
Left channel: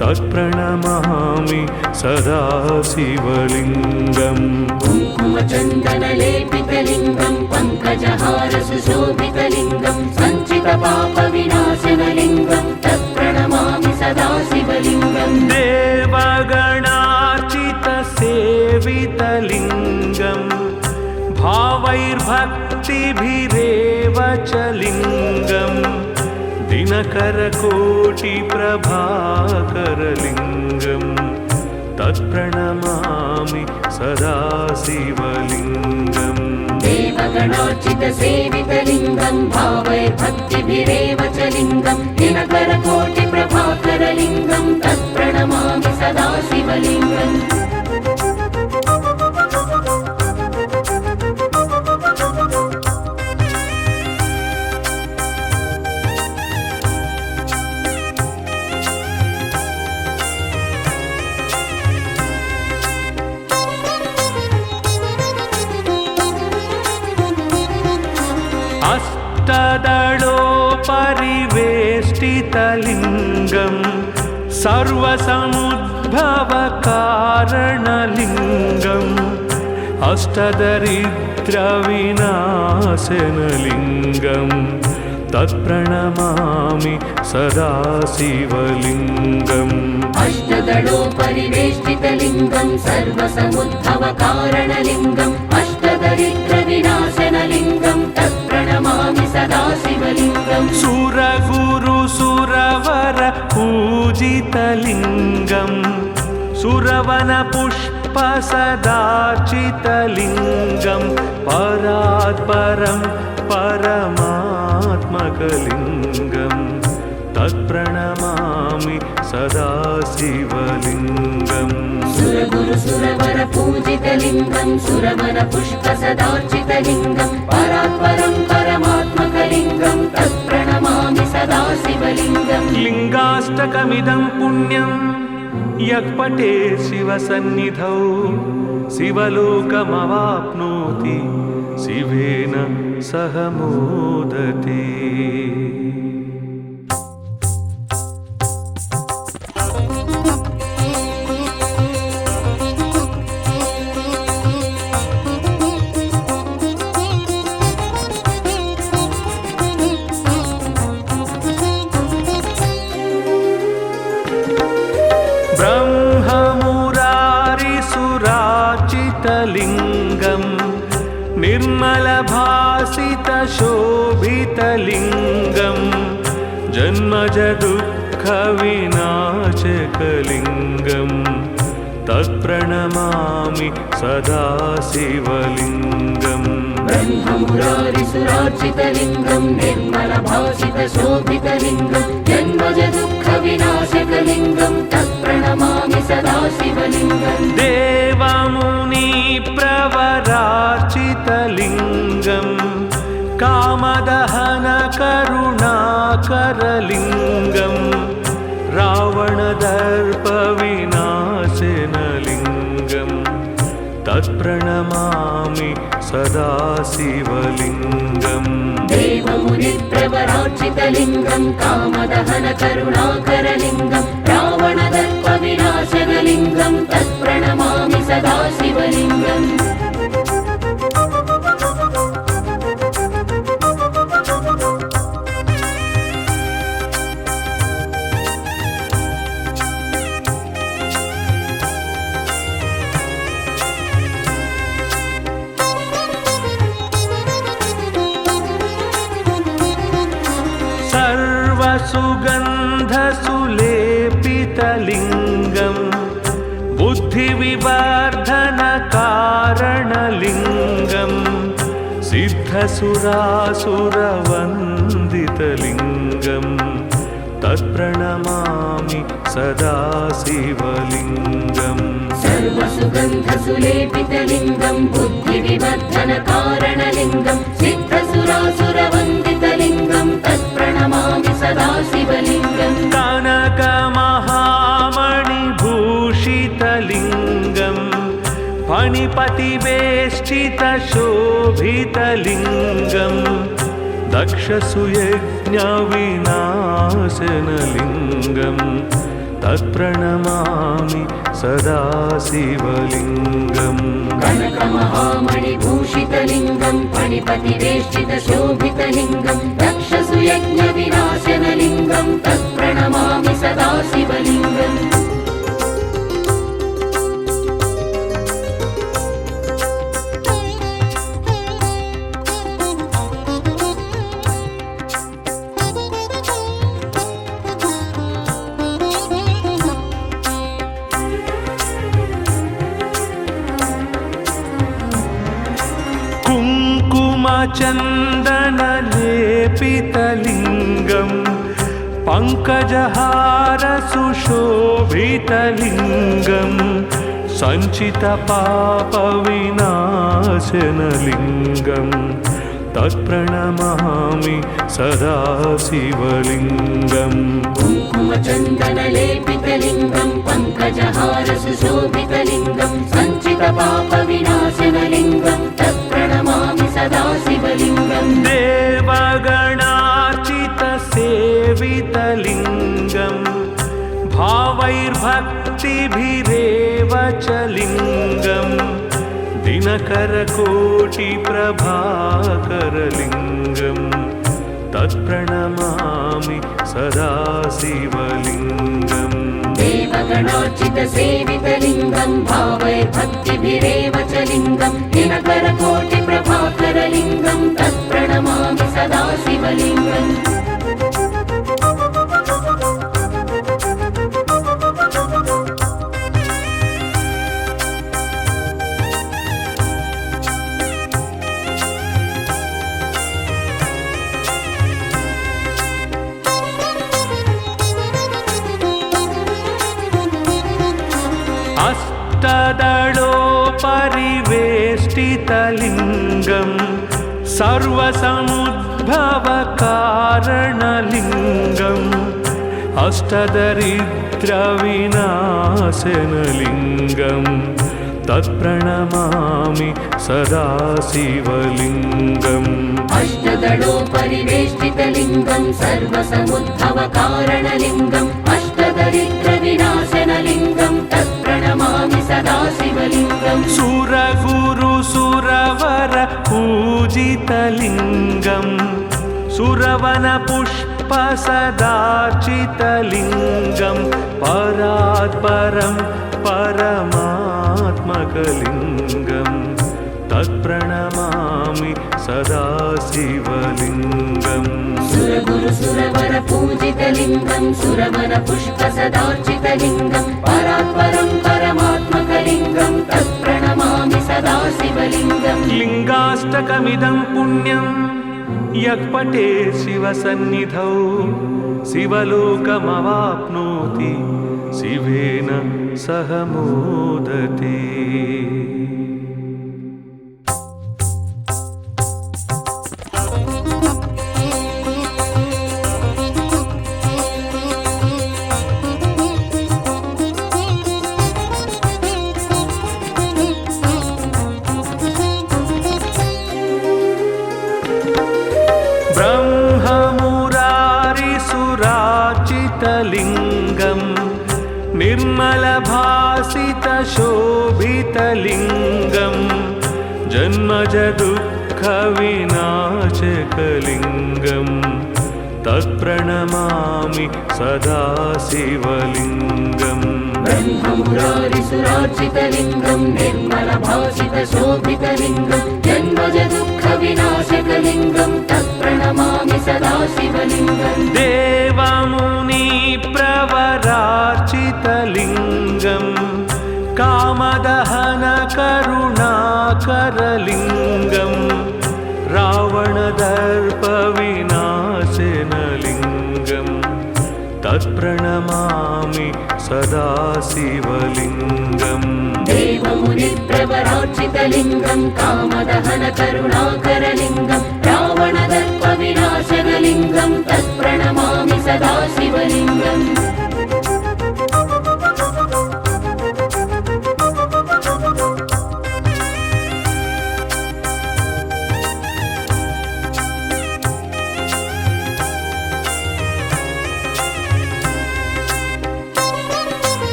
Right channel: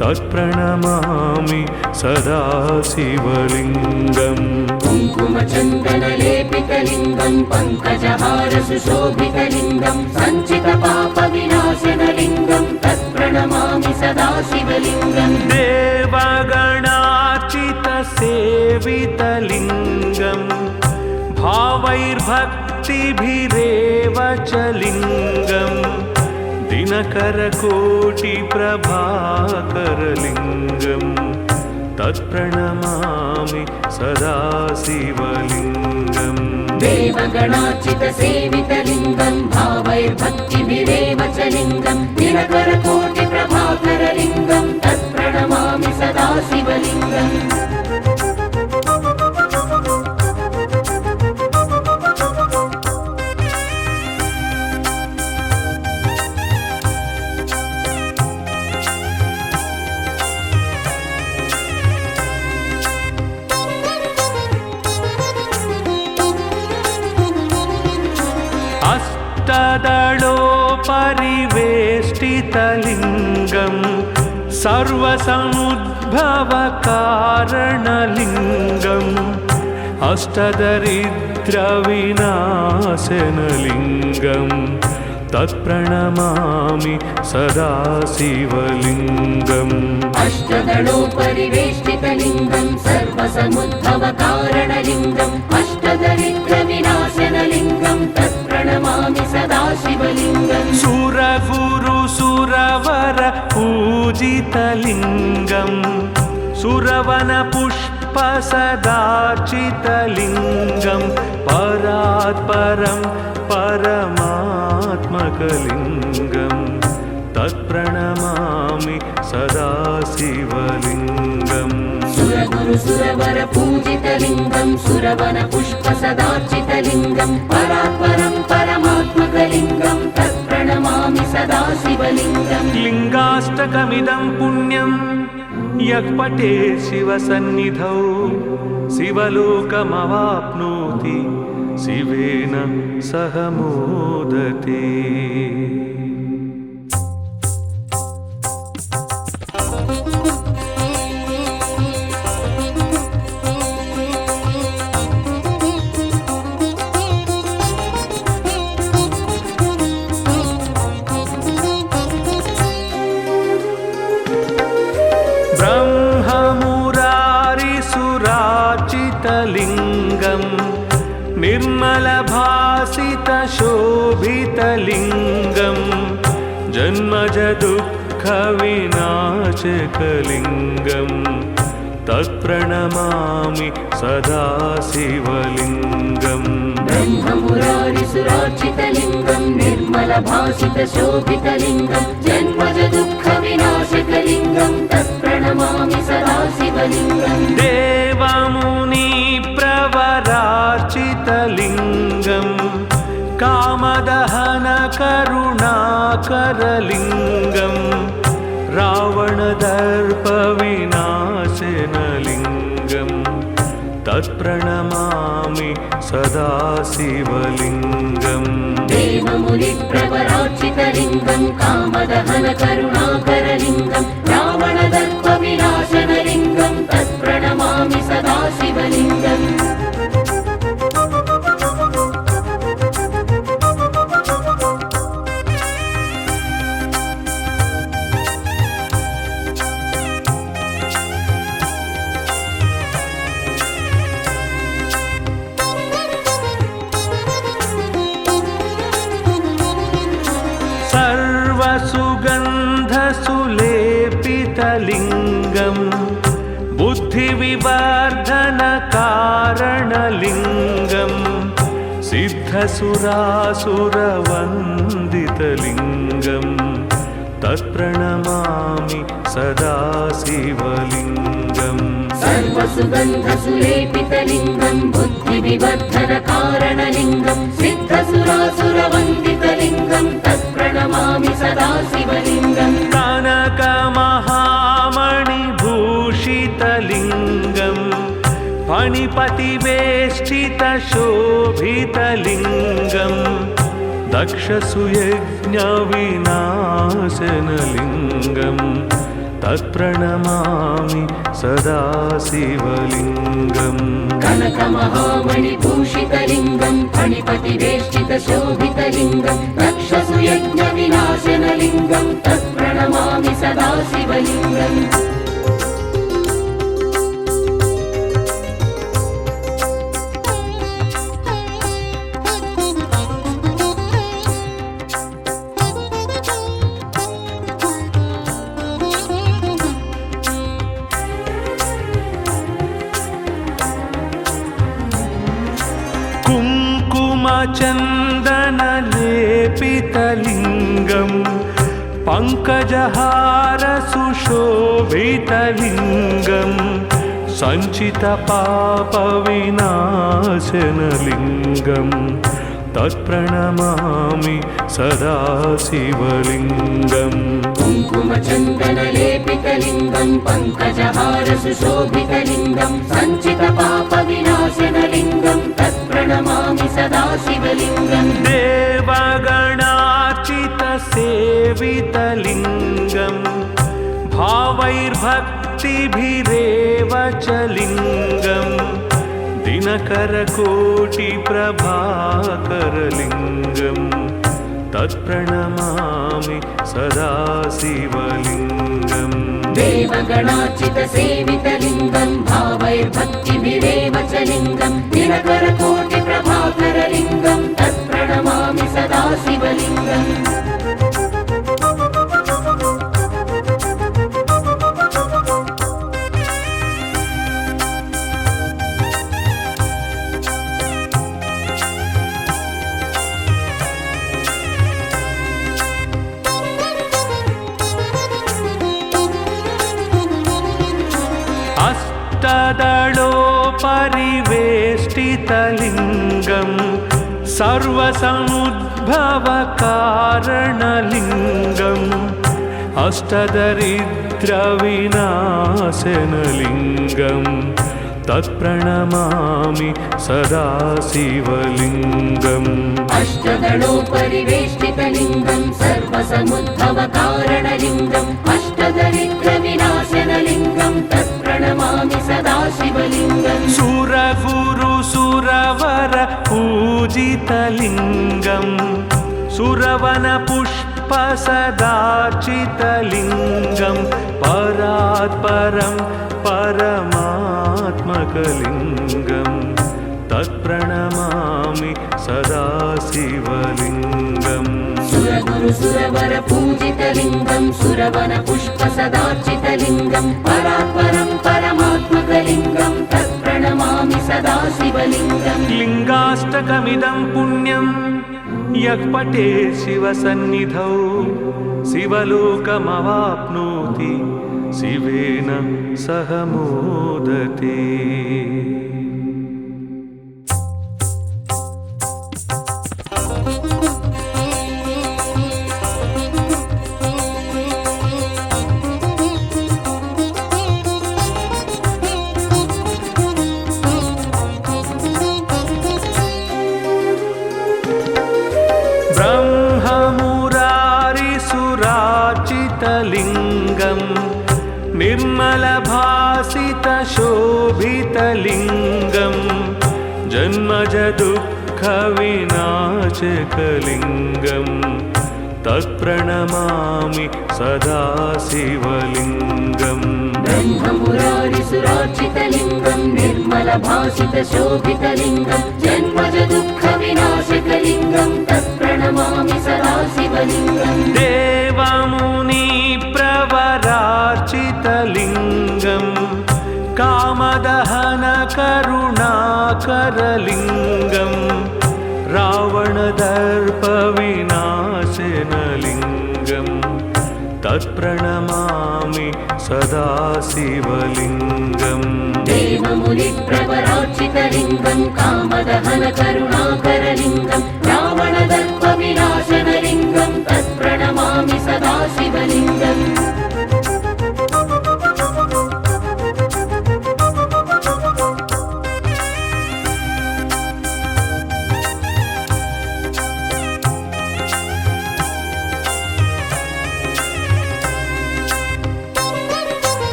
तत्प्रणमामि सदा शिवलिङ्गम् कुङ्कुमचन्दनलेपितलिङ्गं पङ्कजहारसुशोभितलिङ्गं सञ्चितपापविनाशनलिङ्गं तत्प्रणमामि सदा शिवलिङ्गम् देवगणार्चितसेवितलिङ्गं भावैर्भक्तिभिरेव च लिङ्गं दिनकरकोटिप्रभाकरलिङ्गं तत्प्रणमामि सदा शिवलिङ्गम् देवगणार्चितसेवितलिङ्गं भावैर्भक्तिभिरेव च लिङ्गं दिनकरकोटिप्रभाकरलिङ्गं तत्प्रणमामि सदा शिवलिङ्गम् अष्टदलोपरिवेष्टितलिङ्गं सर्वसमुद्भवकारणलिङ्गम् अष्टदरिद्रविनाशनलिङ्गं तत्प्रणमामि सदा शिवलिङ्गम् अष्टदलोपरिवेष्टितलिङ्गं सर्वसमुद्भवकारणलिङ्गम् अष्टदरिद्रविनाशनलिङ्गं तत्प्रणमामि सदा शिवलिङ्गम् सुरगुरुसुरवर पूजितलिङ्गं सुरवनपुष्पसदार्चितलिङ्गं परात्परं परमात्मकलिङ्गं तत्प्रणमामि सदा शिवलिङ्गम् सुरगुरुसुरवर पूजितलिङ्गं सुरवनपुष्पसदार्चितलिङ्गं परात्परं परमात्मकलिङ्गं तत्प्रणमामि सदा शिवलिङ्गम् लिङ्गाष्टकमिदं पुण्यं यः पठेत् शिवसन्निधौ शिवलोकमवाप्नोति शिवेन सह मोदते। भासितलिङ्गम् निर्मलभासितशोभितलिङ्गम् जन्मजदुःखविनाशकलिङ्गम् तत्प्रणमामि सदा शिवलिङ्गम् ब्रह्ममुरारिसुरार्चितलिङ्गं निर्मलभासितशोभितलिङ्गं जन्मजदुःखविनाशकलिङ्गं तत्प्रणमामि सदा शिवलिङ्गम् देवमुनिप्रवरार्चितलिङ्गम् कामदहनकरुणाकरलिङ्गम् रावणदर्पविनाशनलिङ्गम् तत्प्रणमामि सदा शिवलिङ्गम् देवमुनिप्रवरार्चितलिङ्गं कामदहनकरुणाकरलिङ्गं रावणदर्पविनाशनलिङ्गं तत्प्रणमामि सदा शिवलिङ्गम् सर्वसुगन्धसुलेपितलिङ्गम् बुद्धिविवर्धनकारणलिङ्गम् सिद्धसुरासुरवन्दितलिङ्गम् तत्प्रणमामि सदा शिवलिङ्गम् सर्वसुगन्धसुलेपितलिङ्गं बुद्धिविवर्धनकारणलिङ्गं सिद्धसुरासुरवन्दितलिङ्गं तत्प्रणमामि सदा शिवलिङ्गम् कनकमहामणिभूषितलिङ्गम् फणिपतिवेष्टितशोभितलिङ्गम् दक्षसुयज्ञविनाशनलिङ्गम् तत्प्रणमामि सदा शिवलिङ्गम् कनकमहामणिभूषितलिङ्गं फणिपतिवेष्टितशोभितलिङ्गं दक्षसुयज्ञविनाशनलिङ्गं तत्प्रणमामि सदा शिवलिङ्गम् कुङ्कुमचन्दनलेपितलिङ्गम् पङ्कजहारसुशोभितलिङ्गम् सञ्चितपापविनाशनलिङ्गम् तत्प्रणमामि सदा शिवलिङ्गम् कुङ्कुमचन्दनलेपितलिङ्गं पङ्कजहारसुशोभितलिङ्गं सञ्चितपापविनाशनलिङ्गं तत्प्रणमामि सदा शिवलिङ्गम् देवगणार्चितसेवितलिङ्गम् भावैर्भक्तिभिरेव च लिङ्गम् दिनकरकोटिप्रभाकरलिङ्गम् तत्प्रणमामि सदा शिवलिङ्गम् देवगणार्चितसेवितलिङ्गं भावैर्भक्तिभिरेव च लिङ्गं दिनकरकोटिप्रभाकरलिङ्गं तत्प्रणमामि सदा शिवलिङ्गम् अष्टदलोपरिवेष्टितलिङ्गम् सर्वसमुद्भवकारणलिङ्गम् अष्टदरिद्रविनाशनलिङ्गम् तत्प्रणमामि सदा शिवलिङ्गम् अष्टदलोपरिवेष्टितलिङ्गं सर्वसमुद्भवकारणलिङ्गम् अष्टदरिद्रविनाशनलिङ्गं तत्प्रणमामि सदा शिवलिङ्गम् सुरगुरुसुरवर पूजितलिङ्गम् सुरवनपुष्पसदार्चितलिङ्गम् परात् परं परमात्मकलिङ्गं तत्प्रणमामि सदा शिवलिङ्गम् सुरगुरु सुरवर पूजितलिङ्गं सुरवन पुष्प सदार्चितलिङ्गं परात्परं परमात्मकलिङ्गं तत्प्रणमामि सदा शिवलिङ्गम् लिङ्गाष्टकमिदं पुण्यं यः पठेत् शिवसन्निधौ शिवलोकमवाप्नोति शिवेन सह मोदते। ब्रह्ममुरारिसुराचितलिङ्गं निर्मलभासितशोभितलिङ्गं जन्मजदुःखविनाशकलिङ्गं तत्प्रणमामि सदा शिवलिङ्गम् ब्रह्ममुरारिसुरार्चितलिङ्गं निर्मलभासितशोभितलिङ्गं जन्मजदुःखविनाशकलिङ्गं तत्प्रणमामि सदा शिवलिङ्गम् देवमुनिप्रवरार्चितलिङ्गं कामदहनकरुणाकरलिङ्गं रावणदर्पविनाशनलिङ्गं तत्प्रणमामि सदा शिवलिङ्गम् देवमुनिप्रवरार्चितलिङ्गं कामदहनकरुणाकरलिङ्गं रावणदर्पविनाशनलिङ्गं तत्प्रणमामि सदा शिवलिङ्गम्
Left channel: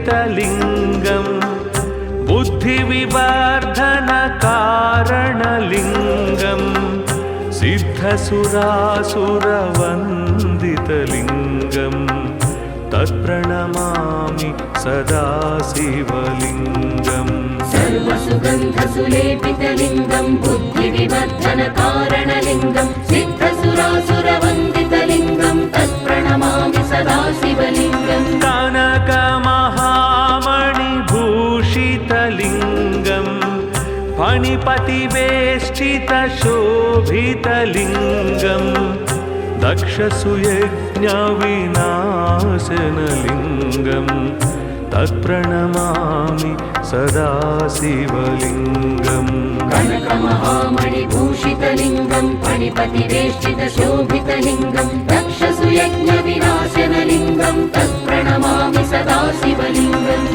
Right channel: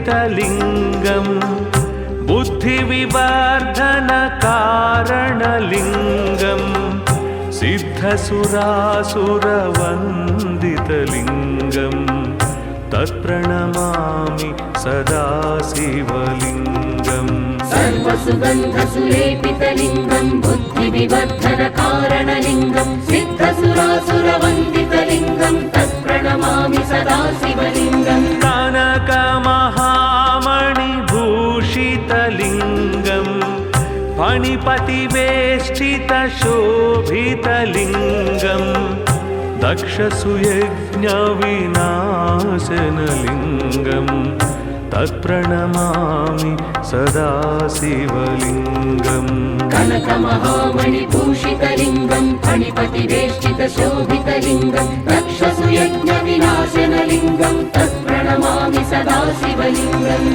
सर्वसुगन्धसुलेपितलिङ्गं बुद्धिविवर्धनकारणलिङ्गं सिद्धसुरासुरवन्दितलिङ्गं तत्प्रणमामि सदा शिवलिङ्गम् सर्वसुगन्धसुलेपितलिङ्गं बुद्धिविवर्धनकारणलिङ्गं सिद्धसुरासुरवन्दितलिङ्गं तत्प्रणमामि सदा शिवलिङ्गम् कनकमहामणिभूषितलिङ्गं फणिपतिवेष्टितशोभितलिङ्गं दक्षसुयज्ञविनाशनलिङ्गं तत्प्रणमामि सदा शिवलिङ्गम् कनकमहामणिभूषितलिङ्गं फणिपतिवेष्टितशोभितलिङ्गं दक्षसुयज्ञविनाशनलिङ्गं तत्प्रणमामि सदा शिवलिङ्गम्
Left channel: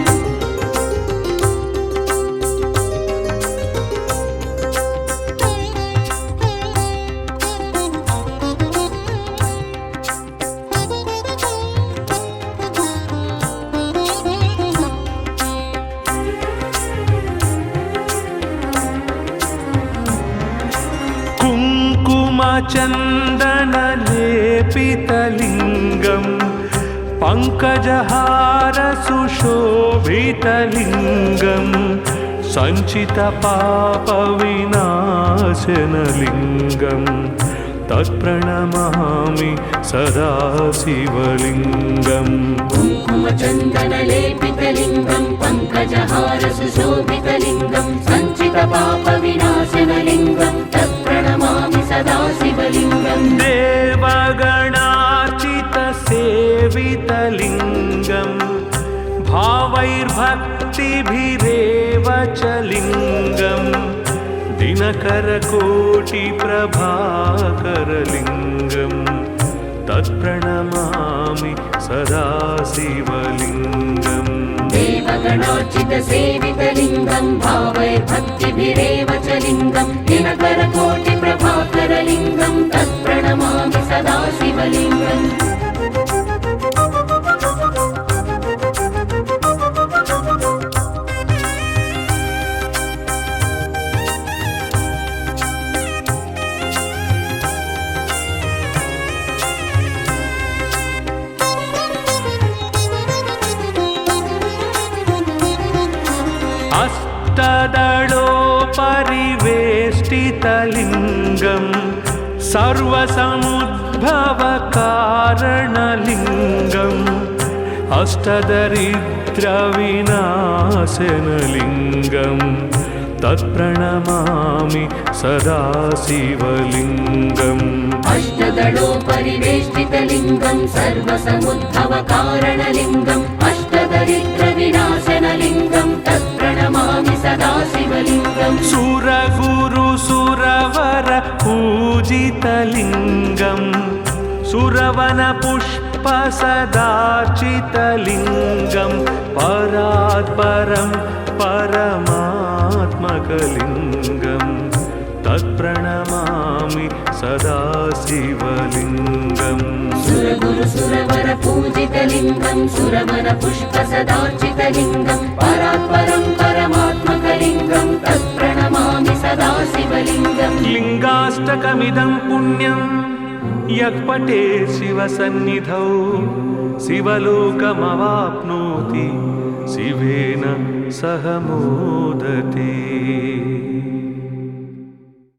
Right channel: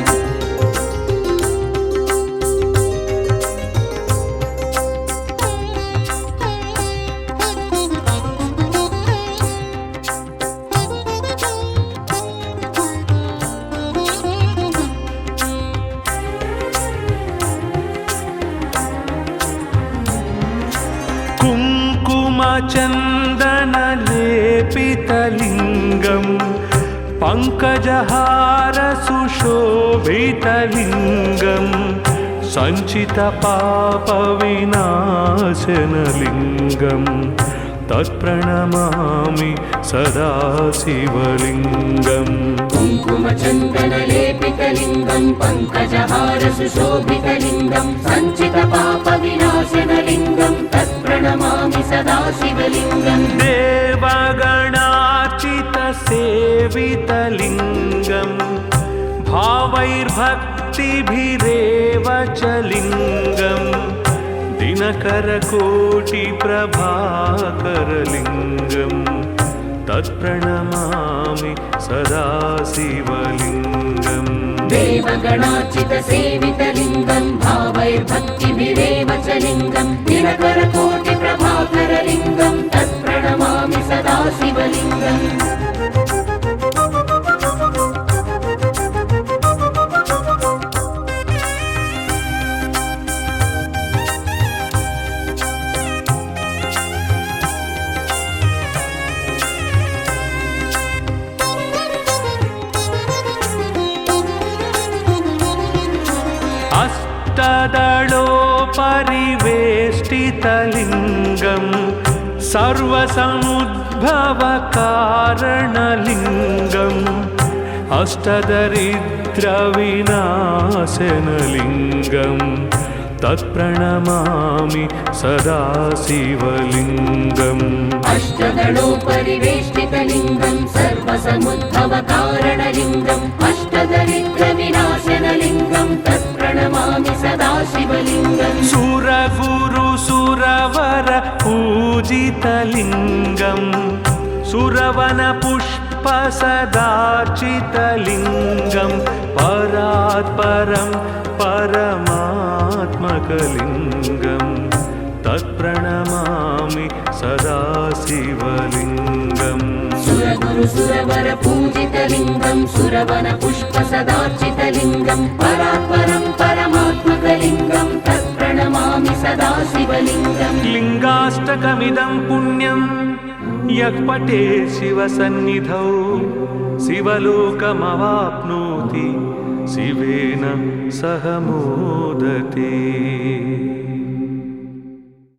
कुङ्कुमचन्दनलेपितलिङ्गं पङ्कजहारसुशोभितलिङ्गं सञ्चितपापविनाशनलिङ्गं तत्प्रणमामि सदा शिवलिङ्गम् कुङ्कुमचन्दनलेपितलिङ्गं पङ्कजहारसुशोभितलिङ्गं सञ्चितपापविनाशनलिङ्गं तत्प्रणमामि सदा शिवलिङ्गम् देवगणार्चितसेवितलिङ्गं भावैर्भक्तिभिरेव च लिङ्गं दिनकरकोटिप्रभाकरलिङ्गं तत्प्रणमामि सदा शिवलिङ्गम् देवगणार्चितसेवितलिङ्गं भावैर्भक्तिभिरेव च लिङ्गं दिनकरकोटिप्रभाकरलिङ्गं तत्प्रणमामि सदा शिवलिङ्गम् अष्टदलोपरिवेष्टितलिङ्गं सर्वसमुद्भवकारणलिङ्गम् अष्टदरिद्रविनाशनलिङ्गं तत्प्रणमामि सदा शिवलिङ्गम् अष्टदलोपरिवेष्टितलिङ्गं सर्वसमुद्भवकारणलिङ्गम् अष्टदरिद्रविनाशनलिङ्गं तत्प्रणमामि सदा शिवलिङ्गम् सुरगुरुसुरवर पूजितलिङ्गं सुरवनपुष्पसदार्चितलिङ्गं परात्परं परमात्मकलिङ्गं तत्प्रणमामि सदा शिवलिङ्गम् सुरगुरुसुरवर पूजितलिङ्गं सुरवनपुष्पसदार्चितलिङ्गं परात्परं परमात्मकलिङ्गं तत्प्रणमामि सदा शिवलिङ्गम् लिङ्गाष्टकमिदं पुण्यं यः पठेत् शिवसन्निधौ शिवलोकमवाप्नोति शिवेन सह मोदते।